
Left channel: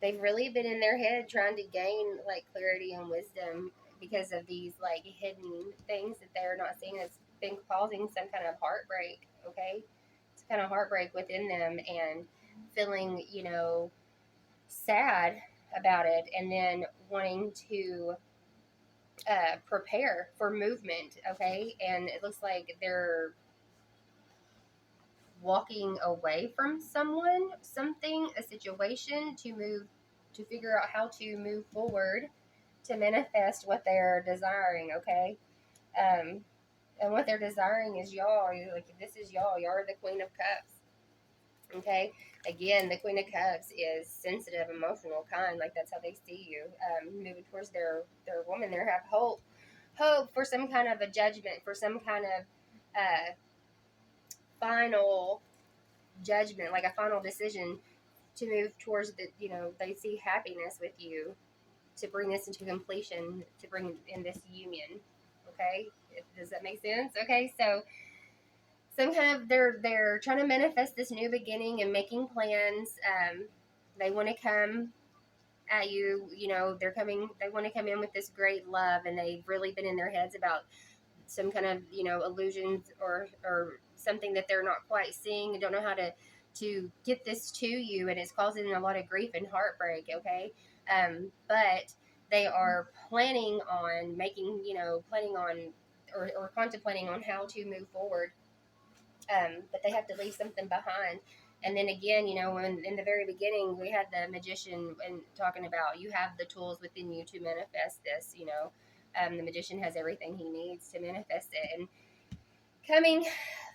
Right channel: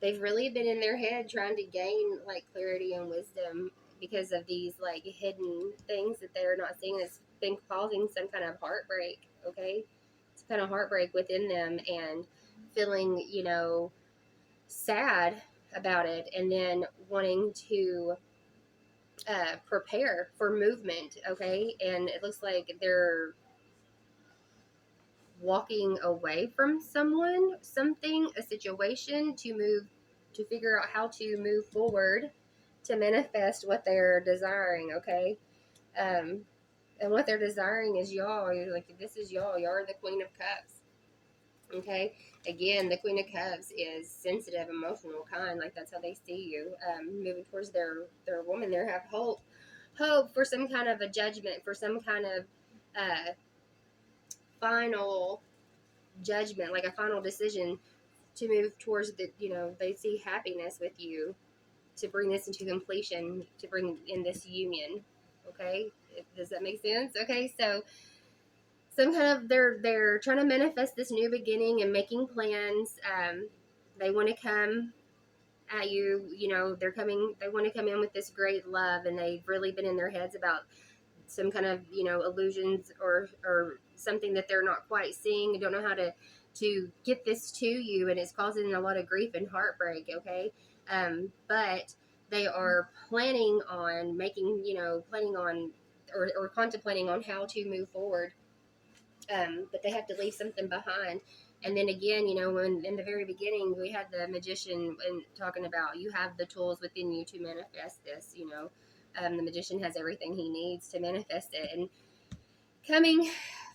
they've really been in their head trying to gain like clarity and wisdom because of these like hidden things that they're not seeing. It's been causing some kind of heartbreak, okay? It's kind of heartbreak within them and feeling, you know, sad about it, and then wanting to prepare for movement, okay? And it looks like they're walking away from someone, something, a situation to figure out how to move forward to manifest what they're desiring, okay? And what they're desiring is y'all. You're like, this is y'all. You're the Queen of Cups, okay? Again, the Queen of Cups is sensitive, emotional, kind. Like that's how they see you. Moving towards their woman, they have hope for some kind of a judgment, for some kind of final judgment, like a final decision to move towards the, you know, they see happiness with you to bring this into completion, to bring in this union, okay? Does that make sense? Okay, so some kind of they're trying to manifest this new beginning and making plans. They want to come at you, you know, they want to come in with this great love, and they've really been in their heads about some kind of, you know, illusions or something that they're not quite seeing. Don't know how to get this to you, and it's causing a lot of grief and heartbreak, okay? But they are planning on making, you know, planning on or contemplating on how to move forward, but they have to leave something behind. And then again, you know, when in the very beginning we had the magician and talking about you have the tools within you to manifest this, you know, the magician has everything he needs to manifest it. And coming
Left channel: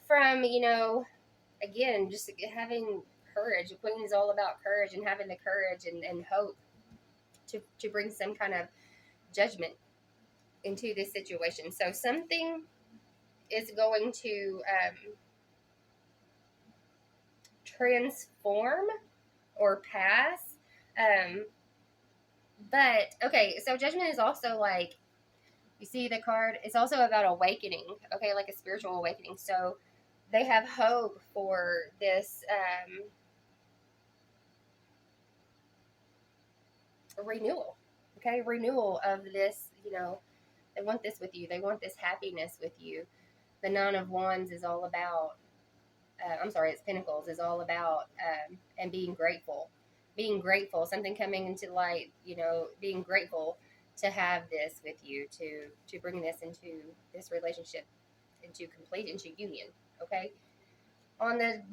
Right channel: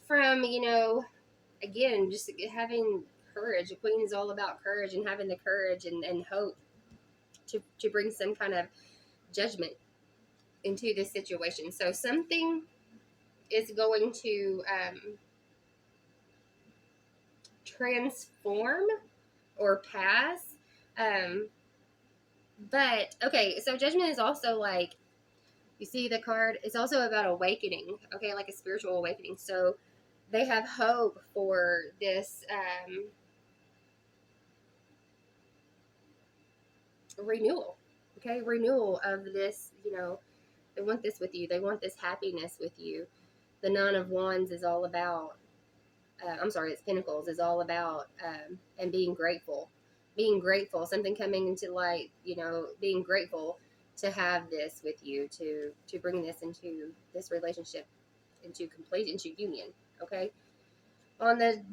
from, you know, again, just having courage. The queen is all about courage and having the courage and hope to bring some kind of judgment into this situation. So something is going to transform or pass But okay, so judgment is also like, you see the card, it's also about awakening, okay, like a spiritual awakening. So they have hope for this renewal, okay, renewal of this, they want this with you, they want this happiness with you. The Nine of Wands is all about, I'm sorry, it's Pentacles is all about, and being grateful, something coming into light, being grateful to have this with you, to bring this into this relationship, into union. Okay. On the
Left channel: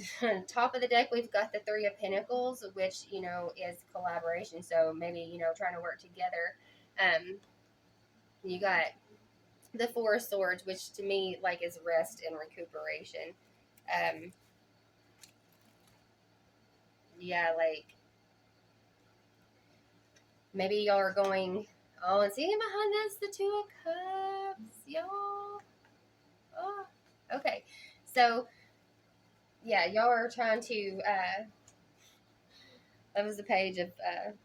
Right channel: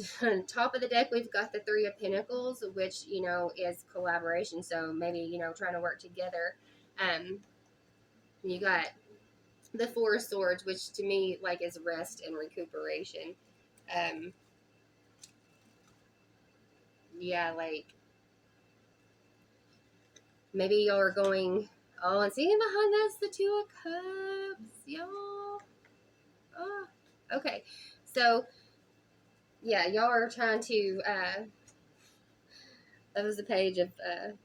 top of the deck, we've got the Three of Pentacles, which is collaboration. So maybe trying to work together. You got the Four of Swords, which to me like is rest and recuperation. Um, yeah, like maybe y'all are going. Oh, and seeing behind that's the Two of Cups, y'all. Oh, okay. So yeah, y'all are trying to. That was the Page of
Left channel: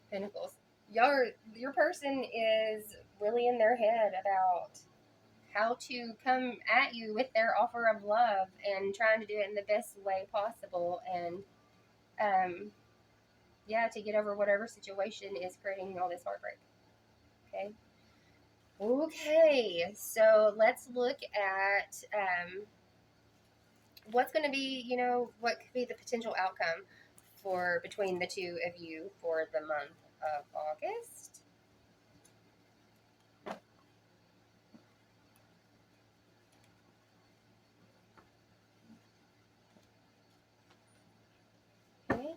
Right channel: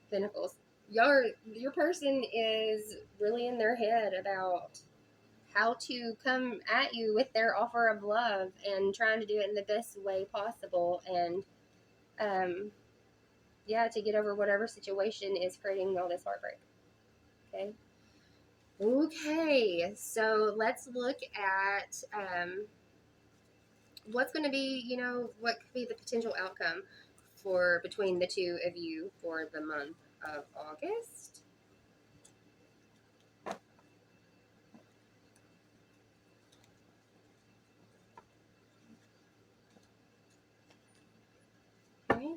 Pentacles. Your person is really in their head about how to come at you with their offer of love and trying to do it in the best way possible, and um, yeah, to get over whatever situation is creating all this heartbreak. Okay. Okay, so let's look at what's going to be, what could be the potential outcome for between the two of you for the month of August. Okay.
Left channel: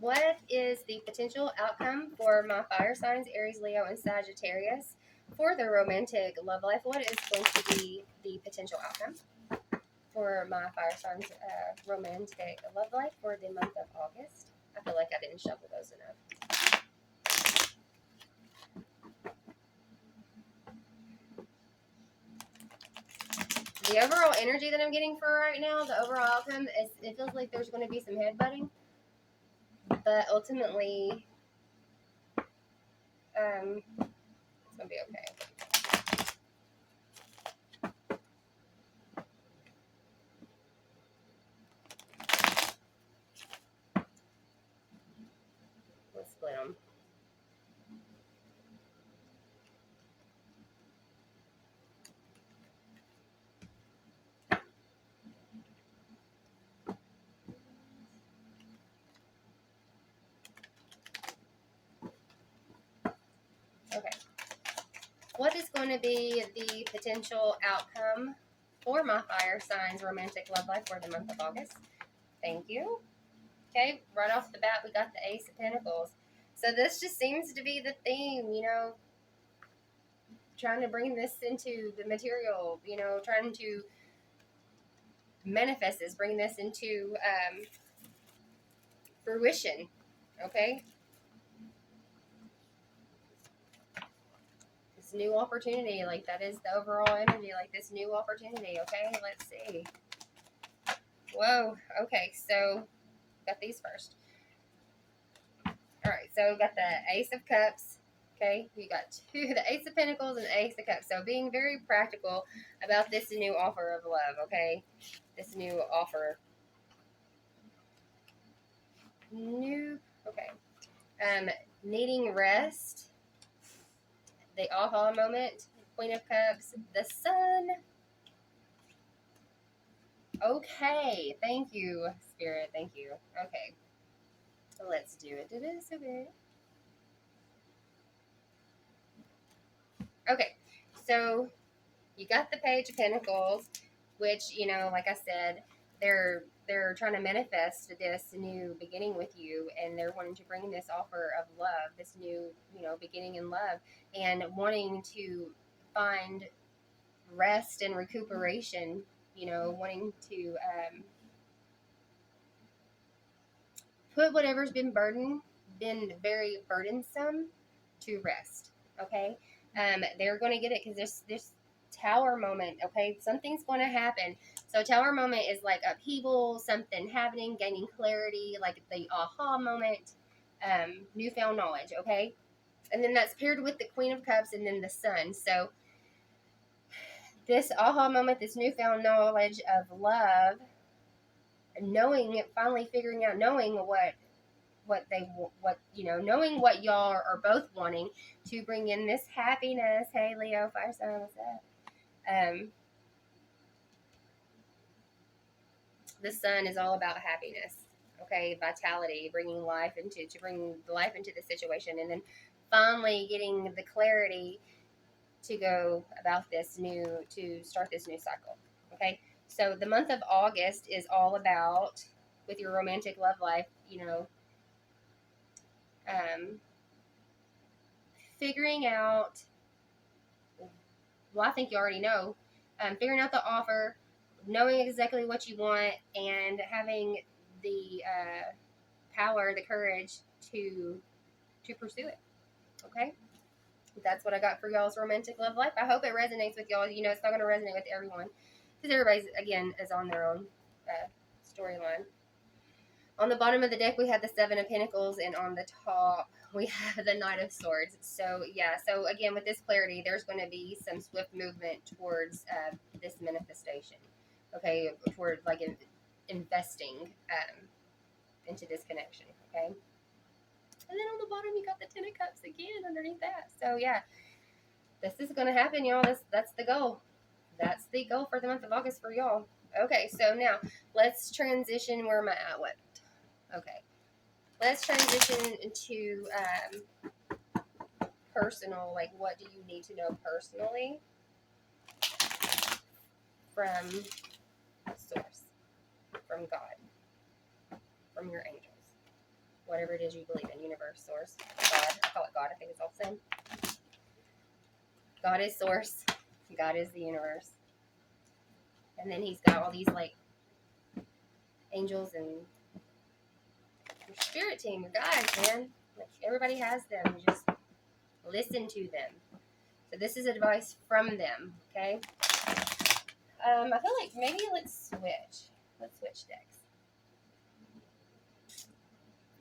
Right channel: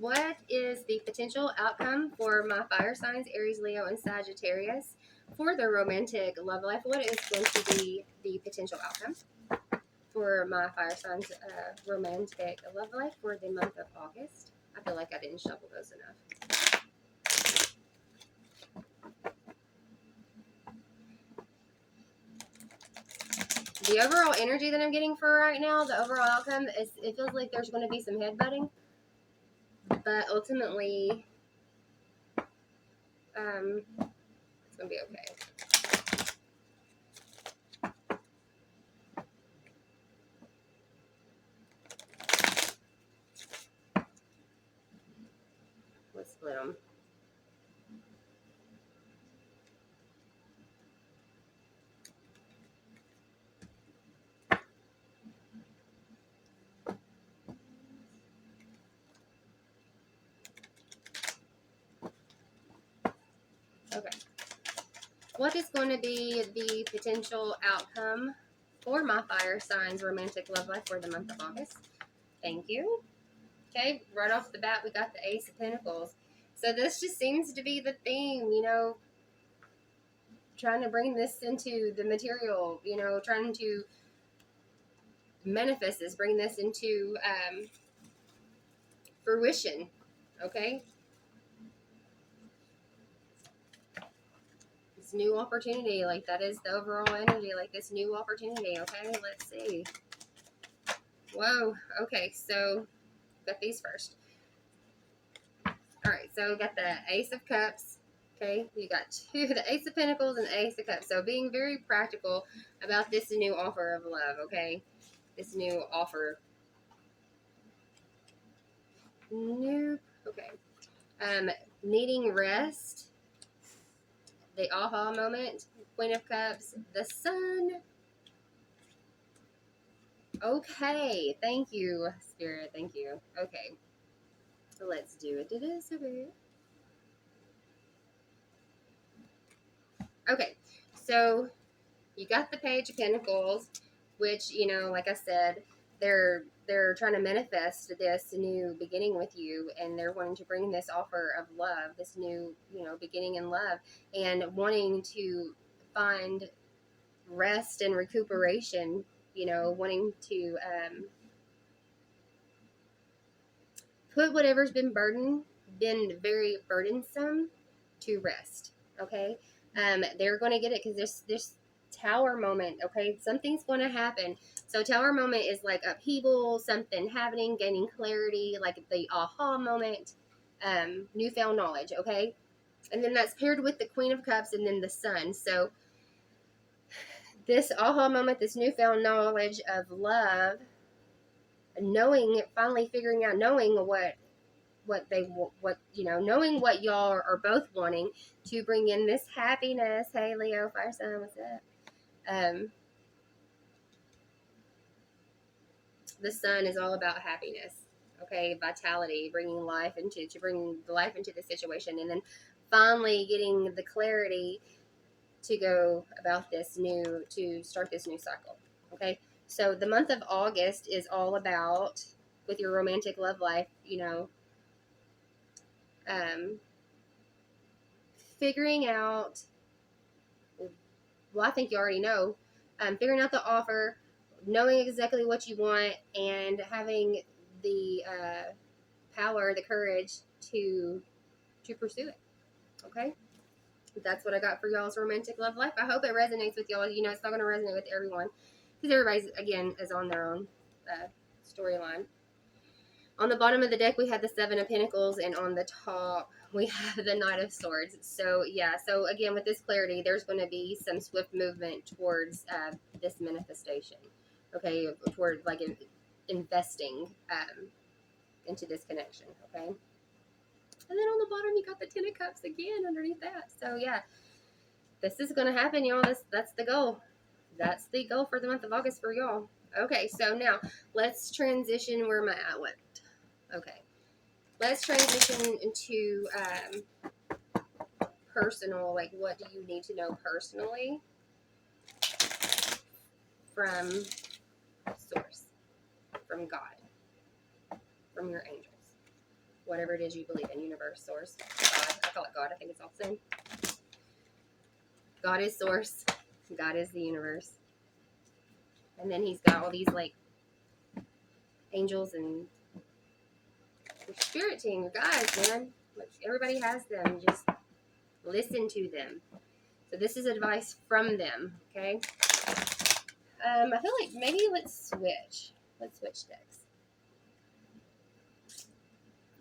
What is the potential outcome for my fire signs, Aries, Leo, and Sagittarius for their romantic love life? What is going to be the potential outcome for my fire signs romantic love life for the month of August? I feel like I didn't shuffle those enough. The overall energy that I'm getting for right now, the overall outcome, is it feels like there's going to be some headbutting, but ultimately, it's going to be okay. Let's split them. Okay. What is going to be the potential outcome for my fire signs romantic love life for the month of August? Thank you. Okay, right off the bat, we got the Ace of Pentacles. So this just seems to be the theme, trying to bring this into the material, trying to manifest this, bring this into fruition. Okay, this new opportunity, like that is the overall energy, like this new opportunity. Okay, let's see. Whoa. Okay, so got these first. All right, so we got the Ace of Cups. Okay, you got the Ace of Pentacles and the Ace of Cups. So being very practical about this new offer of love. Okay, this new offer. Okay. Needing rest. The aha moment. Queen of Cups. The Sun. Okay, thank you, Spirit. Thank you. Okay, so let's do it. It is okay. Okay, so you got the Page of Pentacles, which like I said, they're trying to manifest this new beginning with you, and they're wanting to bring this offer of love, this new beginning in love, and wanting to find rest and recuperation. Wanting to put whatever's been very burdensome to rest. Okay, they're going to get it because there's Tower moment, okay? Something's going to happen. So tower moment is like upheaval, something happening, gaining clarity, like the aha moment, newfound knowledge, okay? And then that's paired with the Queen of Cups and then the Sun. So this aha moment, this newfound knowledge of love, knowing, finally figuring out, knowing knowing what y'all are both wanting to bring in this happiness. Hey, Leo, fire sign, what's up? The Sun is all about happiness, okay, vitality, bringing life to bring the life into the situation, and then finally getting the clarity to go about to start this new cycle, okay? So the month of August is all about, with your romantic love life, figuring out, well, I think you already know, figuring out the offer, knowing exactly what you want, and having the power, the courage to pursue it. Okay, that's what I got for y'all's romantic love life. I hope it resonates with y'all. It's not going to resonate with everyone because everybody's, again, is on their own storyline. On the bottom of the deck, we had the Seven of Pentacles, and on the top, we have the Knight of Swords. So, yeah. So, again, with this clarity, there's going to be some swift movement towards this manifestation. Okay? Toward, like, investing into this connection. Okay? And then on the bottom, you got the Ten of Cups again underneath that. So, yeah. This is going to happen, y'all. That's the goal. That's the goal for the month of August for y'all. Okay, so now, let's transition. Where am I at? What? Okay. Let's transition into personal, like what do you need to know personally from source, from God, from your angels, whatever it is you believe in, universe, source, God. I call it God. I think it's all the same. God is source. God is the universe. And then he's got all these like angels and your spirit team, your guides, man. Like everybody has them. Just listen to them. So this is advice from them, okay? I feel like maybe let's switch. Let's switch decks.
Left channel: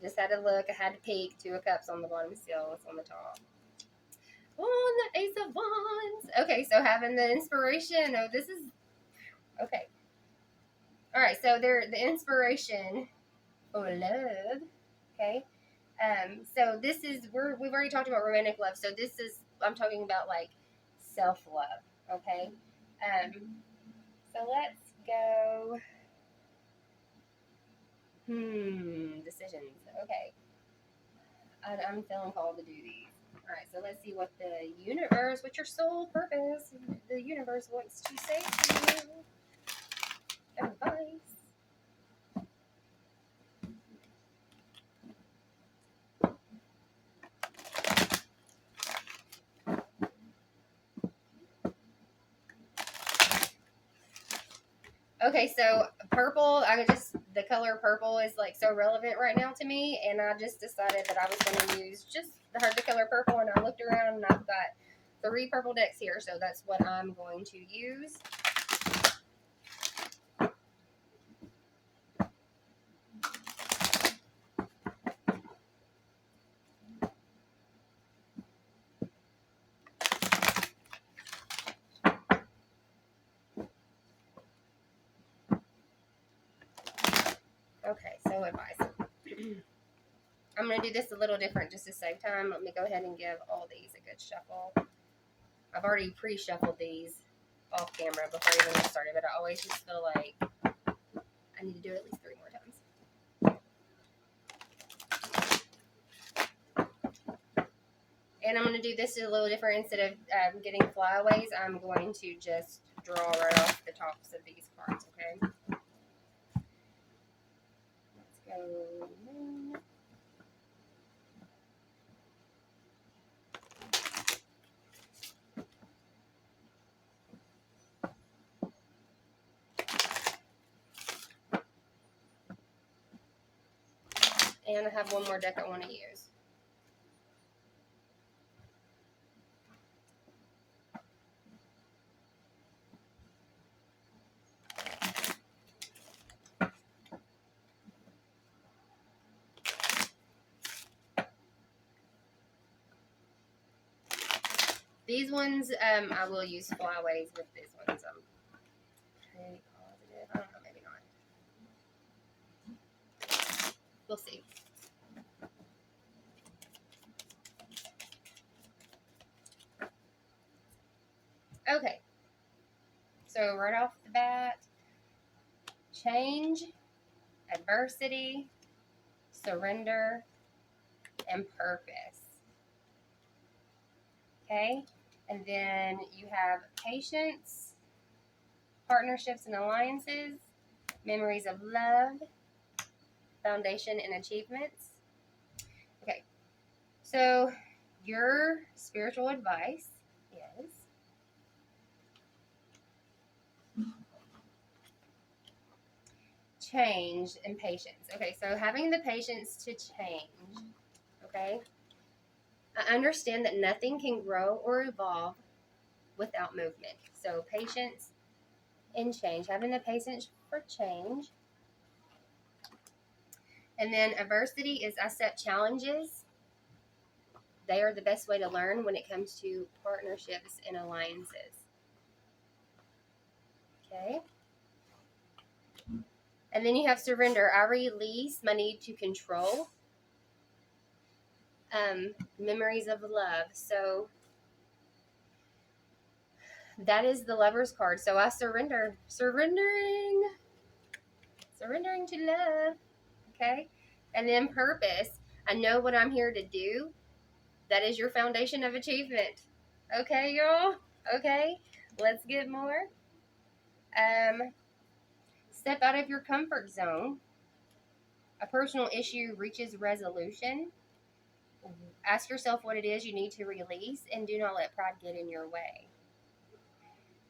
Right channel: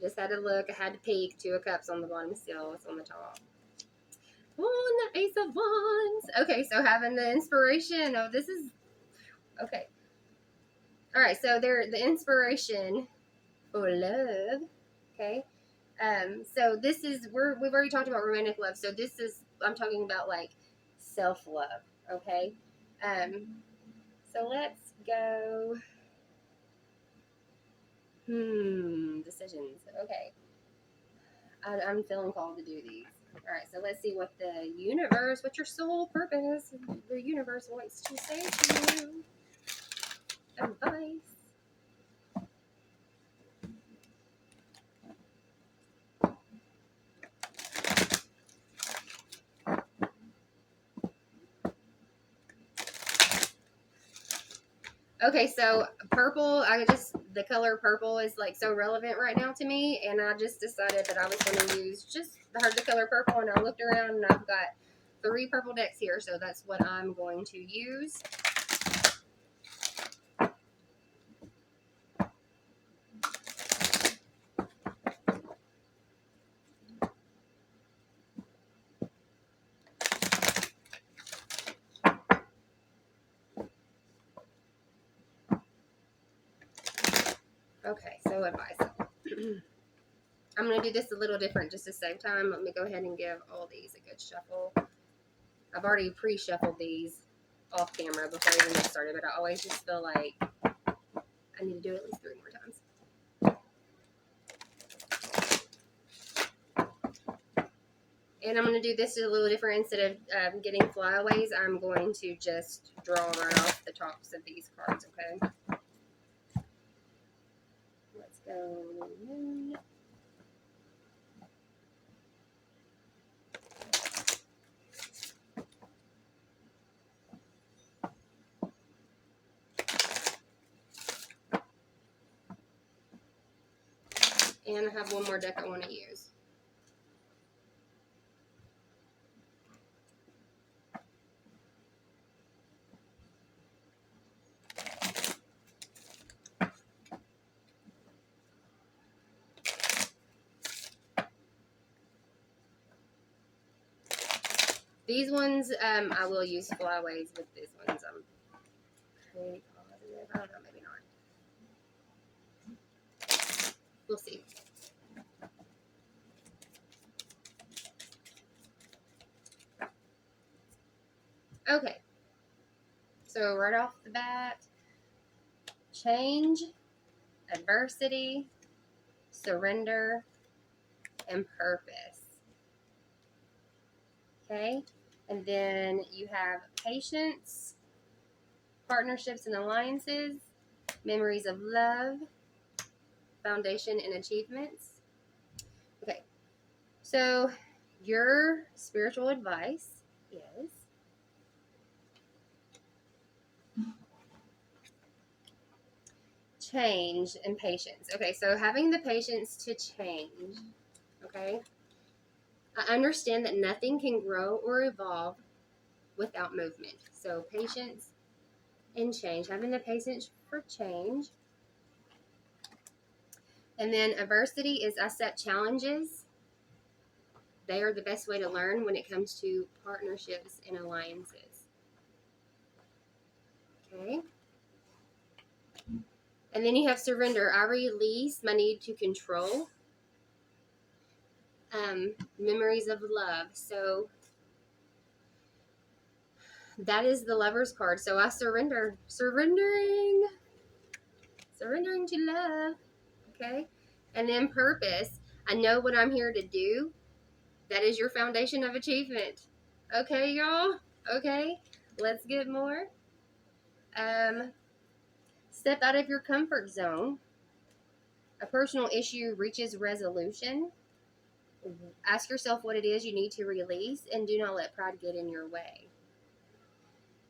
Just had to look. I had to peek. Two of Cups on the bottom still. What's on the top? Oh, and the Ace of Wands. Okay, so having the inspiration. Oh, this is... Okay. All right, so the inspiration for love. Okay. So this is... We've already talked about romantic love. So this is... I'm talking about, like, self-love. Okay? So let's go... Decisions. Okay. I'm feeling called to do these. All right, so let's see what what your soul purpose, the universe wants to say to you. Advice. Okay, so purple, the color purple is like so relevant right now to me, and I just decided that I was going to use just the color purple, and I looked around and I've got 3 purple decks here, so that's what I'm going to use. Okay, so advice. I'm going to do this a little different just to save time. Let me go ahead and give all these a good shuffle. I've already pre-shuffled these off camera before we even started, but I always just feel like I need to do it at least 3 more times. And I'm going to do this a little different. Instead of getting flyaways, I'm going to just draw right off the tops of these cards, okay? Let's go moon. And I have one more deck I want to use. These ones, I will use flyways with these ones. I'm pretty positive. I don't know, maybe not. We'll see. Okay. So right off the bat, change, adversity, surrender, and purpose. Okay? And then you have patience, partnerships and alliances, memories of love, foundation and achievements. Okay. So your spiritual advice is change and patience. Okay, so having the patience to change, okay? I understand that nothing can grow or evolve without movement. So patience and change, having the patience for change. And then adversity is I set challenges. They are the best way to learn when it comes to partnerships and alliances. Okay. And then you have surrender. I release my need to control. Memories of love. So that is the Lover's card. So I surrender. Surrendering to love. Okay. And then purpose. I know what I'm here to do. That is your foundation of achievement. Okay, y'all? Okay. Let's get more. Step out of your comfort zone. A personal issue reaches resolution. Ask yourself what it is you need to release, and do not let pride get in your way,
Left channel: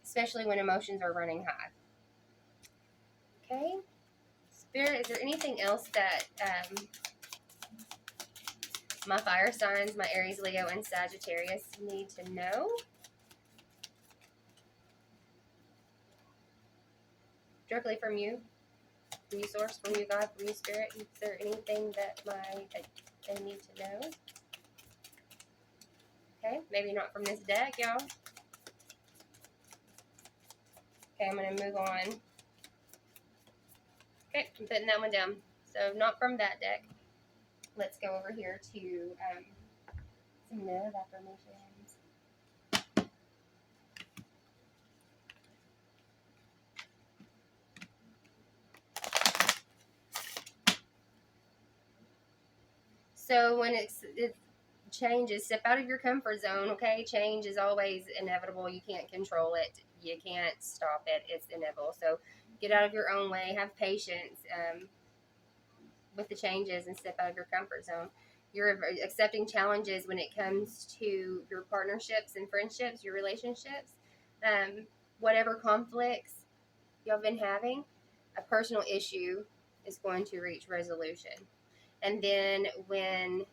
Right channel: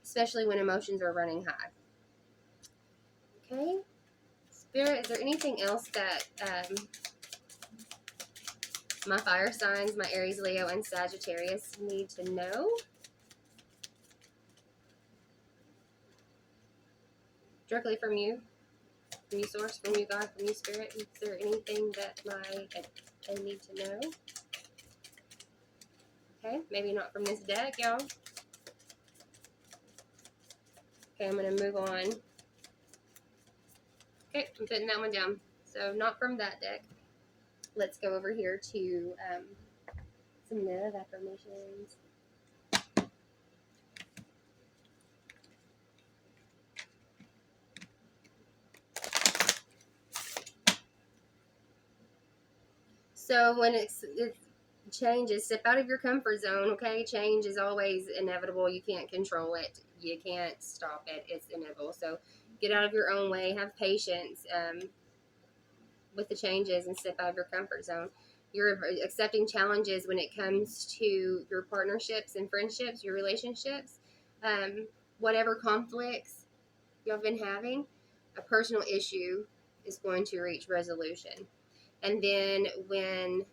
especially when emotions are running high. Okay? Spirit, is there anything else that my fire signs, my Aries, Leo, and Sagittarius need to know? Directly from you source, from you, God, from you, Spirit. Is there anything that I need to know? Okay, maybe not from this deck, y'all. Okay, I'm going to move on. Okay, I'm putting that one down. So not from that deck. Let's go over here to some love affirmations. So when it changes, step out of your comfort zone, okay? Change is always inevitable. You can't control it. You can't stop it. It's inevitable. So get out of your own way. Have patience with the changes and step out of your comfort zone. You're accepting challenges when it comes to your partnerships and friendships, your relationships, whatever conflicts y'all been having, a personal issue is going to reach resolution. And then when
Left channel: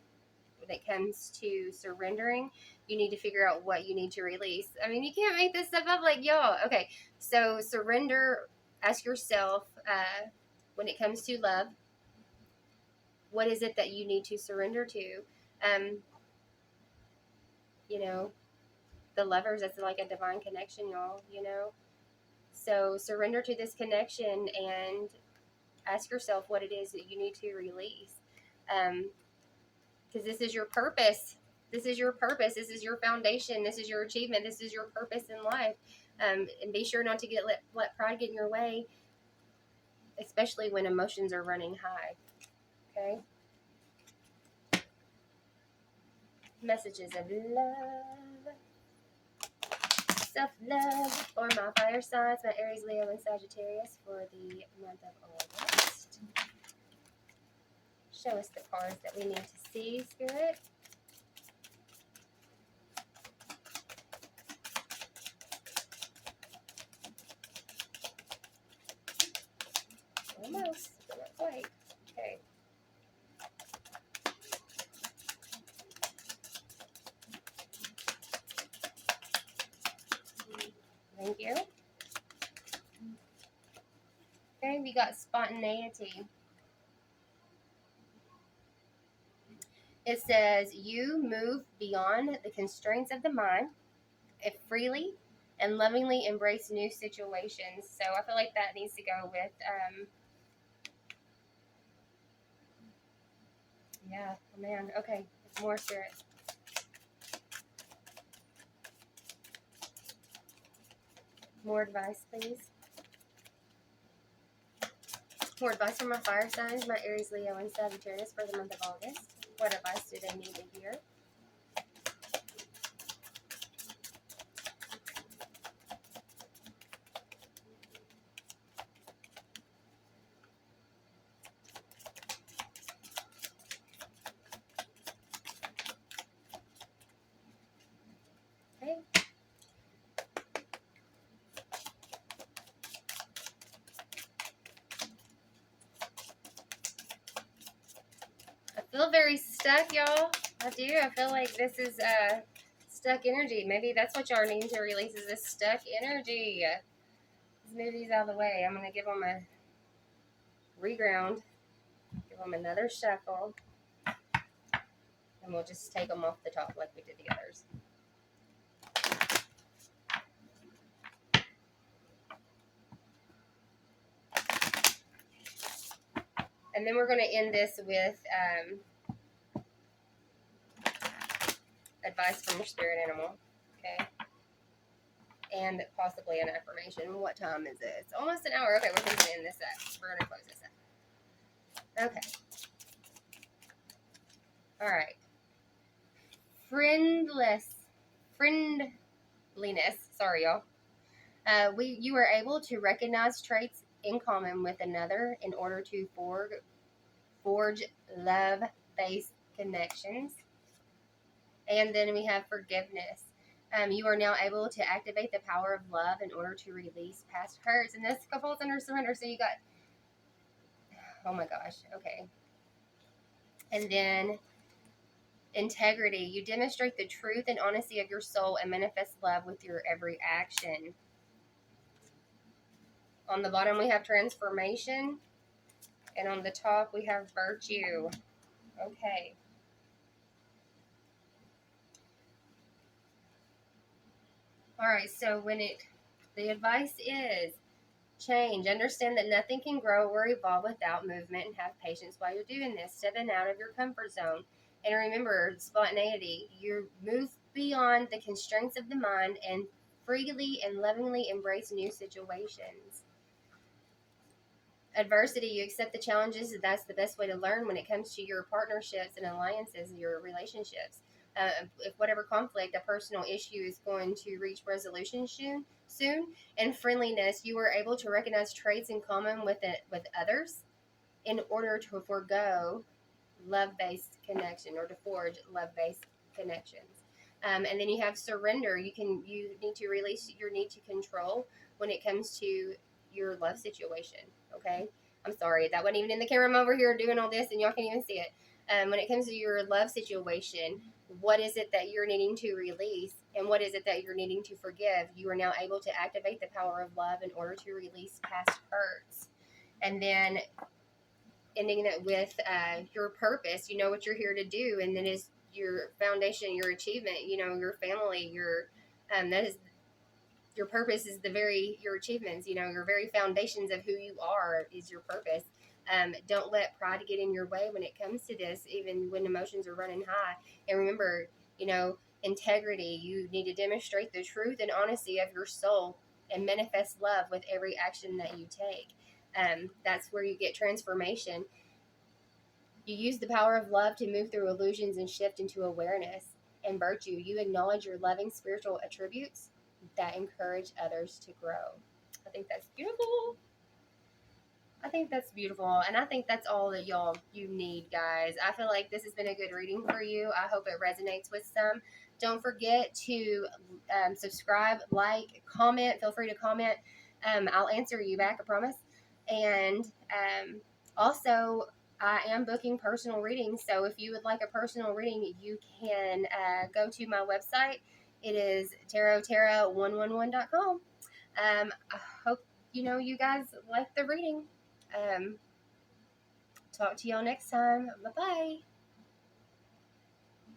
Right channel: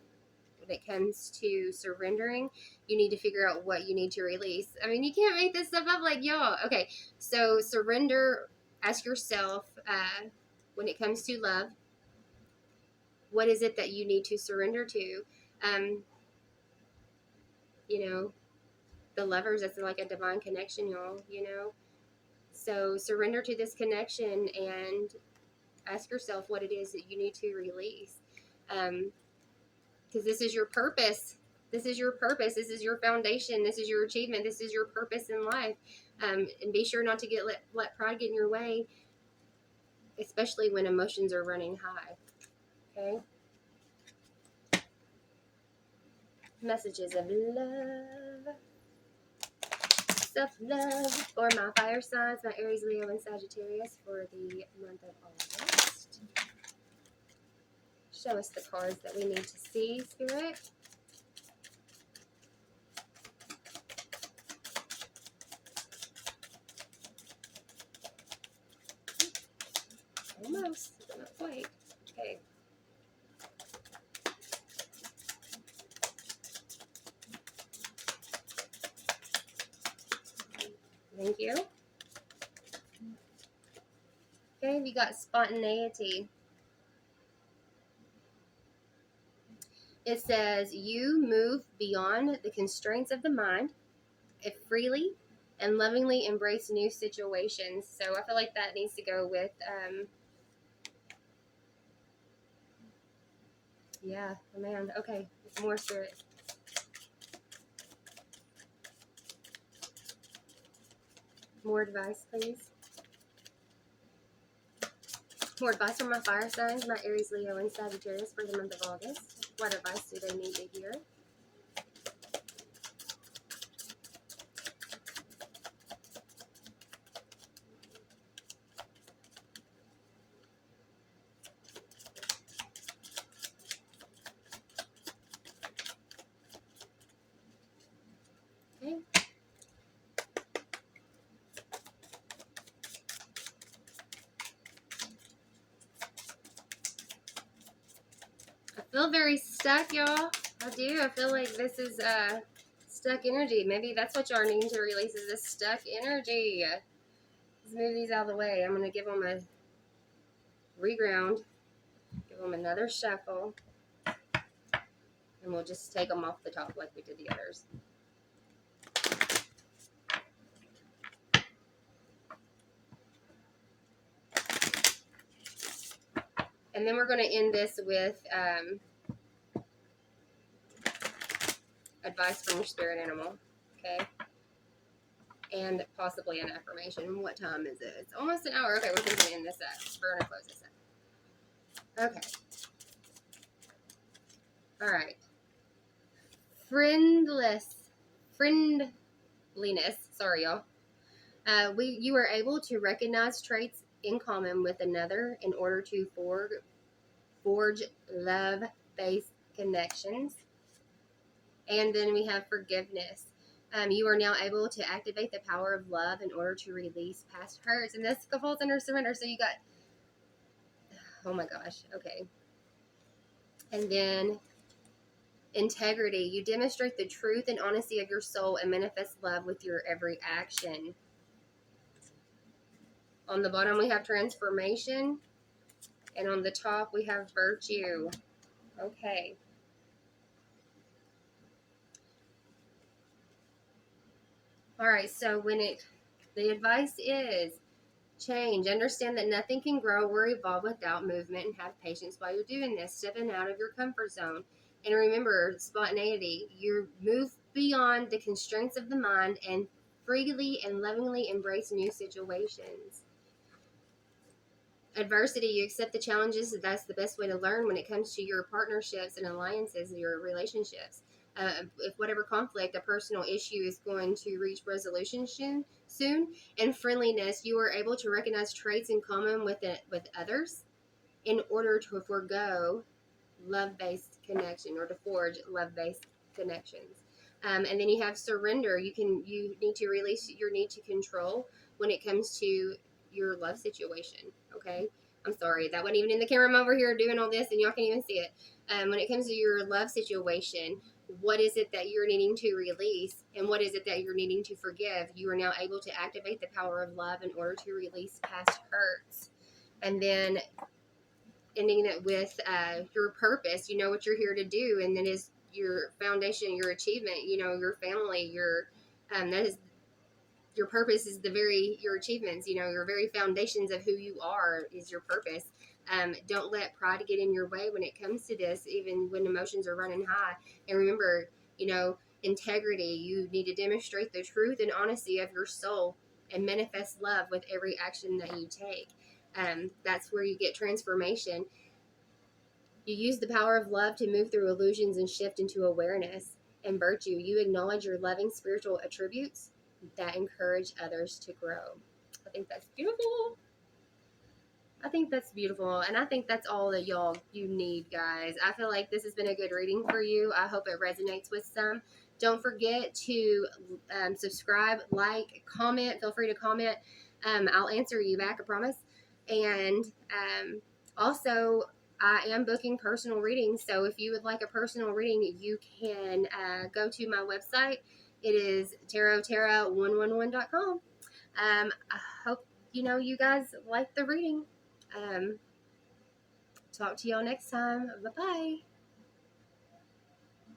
it comes to surrendering, you need to figure out what you need to release. I mean, you can't make this stuff up like y'all. Okay, so surrender. Ask yourself when it comes to love, what is it that you need to surrender to? You know, the lovers, that's like a divine connection, y'all, you know? So surrender to this connection and ask yourself what it is that you need to release. Because this is your purpose. This is your purpose. This is your foundation. This is your achievement. This is your purpose in life. And be sure not to let pride get in your way, especially when emotions are running high. Okay? Messages of love. Self-love for my fire signs, my Aries, Leo, and Sagittarius for the month of August. Show us the cards that we need to see, Spirit. Almost, but not quite. Okay. Thank you. Okay, we got spontaneity. It says, you move beyond the constraints of the mind freely and lovingly embrace new situations. So I feel like that needs to go with, yeah, man. Okay, more spirit. More advice, please. More advice from my fire signs, my Aries, Leo, and Sagittarius for the month of August. What advice do they need to hear? Okay. I feel very stuck, y'all. I do. I feel like this is stuck energy. Maybe that's what y'all need to release, is this stuck energy. Let's move these out of the way. I'm going to give them a reground. Give them another shuffle. And we'll just take them off the top like we did the others. And then we're going to end this with advice from your spirit animal. Okay. And possibly an affirmation. What time is it? It's almost an hour. Okay, we're going to end this up. We're going to close this up. Okay. All right. Friendliness. Sorry, y'all. You are able to recognize traits in common with another in order to forge love-based connections. And then we have forgiveness. You are now able to activate the power of love in order to release past hurts. And this falls under surrender. So you got, oh my gosh, okay. And then integrity. You demonstrate the truth and honesty of your soul and manifest love with your every action. On the bottom, we have transformation. And on the top, we have virtue. Okay. All right, so the advice is change. Understand that nothing can grow or evolve without movement, and have patience while you're doing this, stepping out of your comfort zone. And remember, spontaneity. You move beyond the constraints of the mind and freely and lovingly embrace new situations. Adversity, you accept the challenges. That's the best way to learn when it comes to your partnerships and alliances, your relationships. If whatever conflict, a personal issue is going to reach resolution soon. And friendliness, you are able to recognize traits in common with others in order to forego love-based connection, or to forge love-based connections. And then you have surrender. You need to release your need to control when it comes to your love situation. Okay, I'm sorry, that wasn't even in the camera. I'm over here doing all this and y'all can't even see it. When it comes to your love situation, what is it that you're needing to release, and what is it that you're needing to forgive? You are now able to activate the power of love in order to release past hurts. And then ending it with your purpose. You know what you're here to do, and then is your foundation, your achievement. You know, your family, that is your purpose, is your achievements. You know, your very foundations of who you are is your purpose. Don't let pride get in your way when it comes to this, even when emotions are running high. And remember, you know, integrity. You need to demonstrate the truth and honesty of your soul and manifest love with every action that you take. That's where you get transformation. You use the power of love to move through illusions and shift into awareness. And virtue, you acknowledge your loving spiritual attributes that encourage others to grow. I think that's beautiful. I think that's beautiful. And I think that's all that you need, guys. I feel like this has been a good reading for you. I hope it resonates with some. Don't forget to subscribe, like, comment. Feel free to comment. I'll answer you back, I promise. And also, I am booking personal readings. So if you would like a personal reading, you can go to my website. It is tarotterra111.com. I hope you guys like the reading. Talk to y'all next time. Bye bye.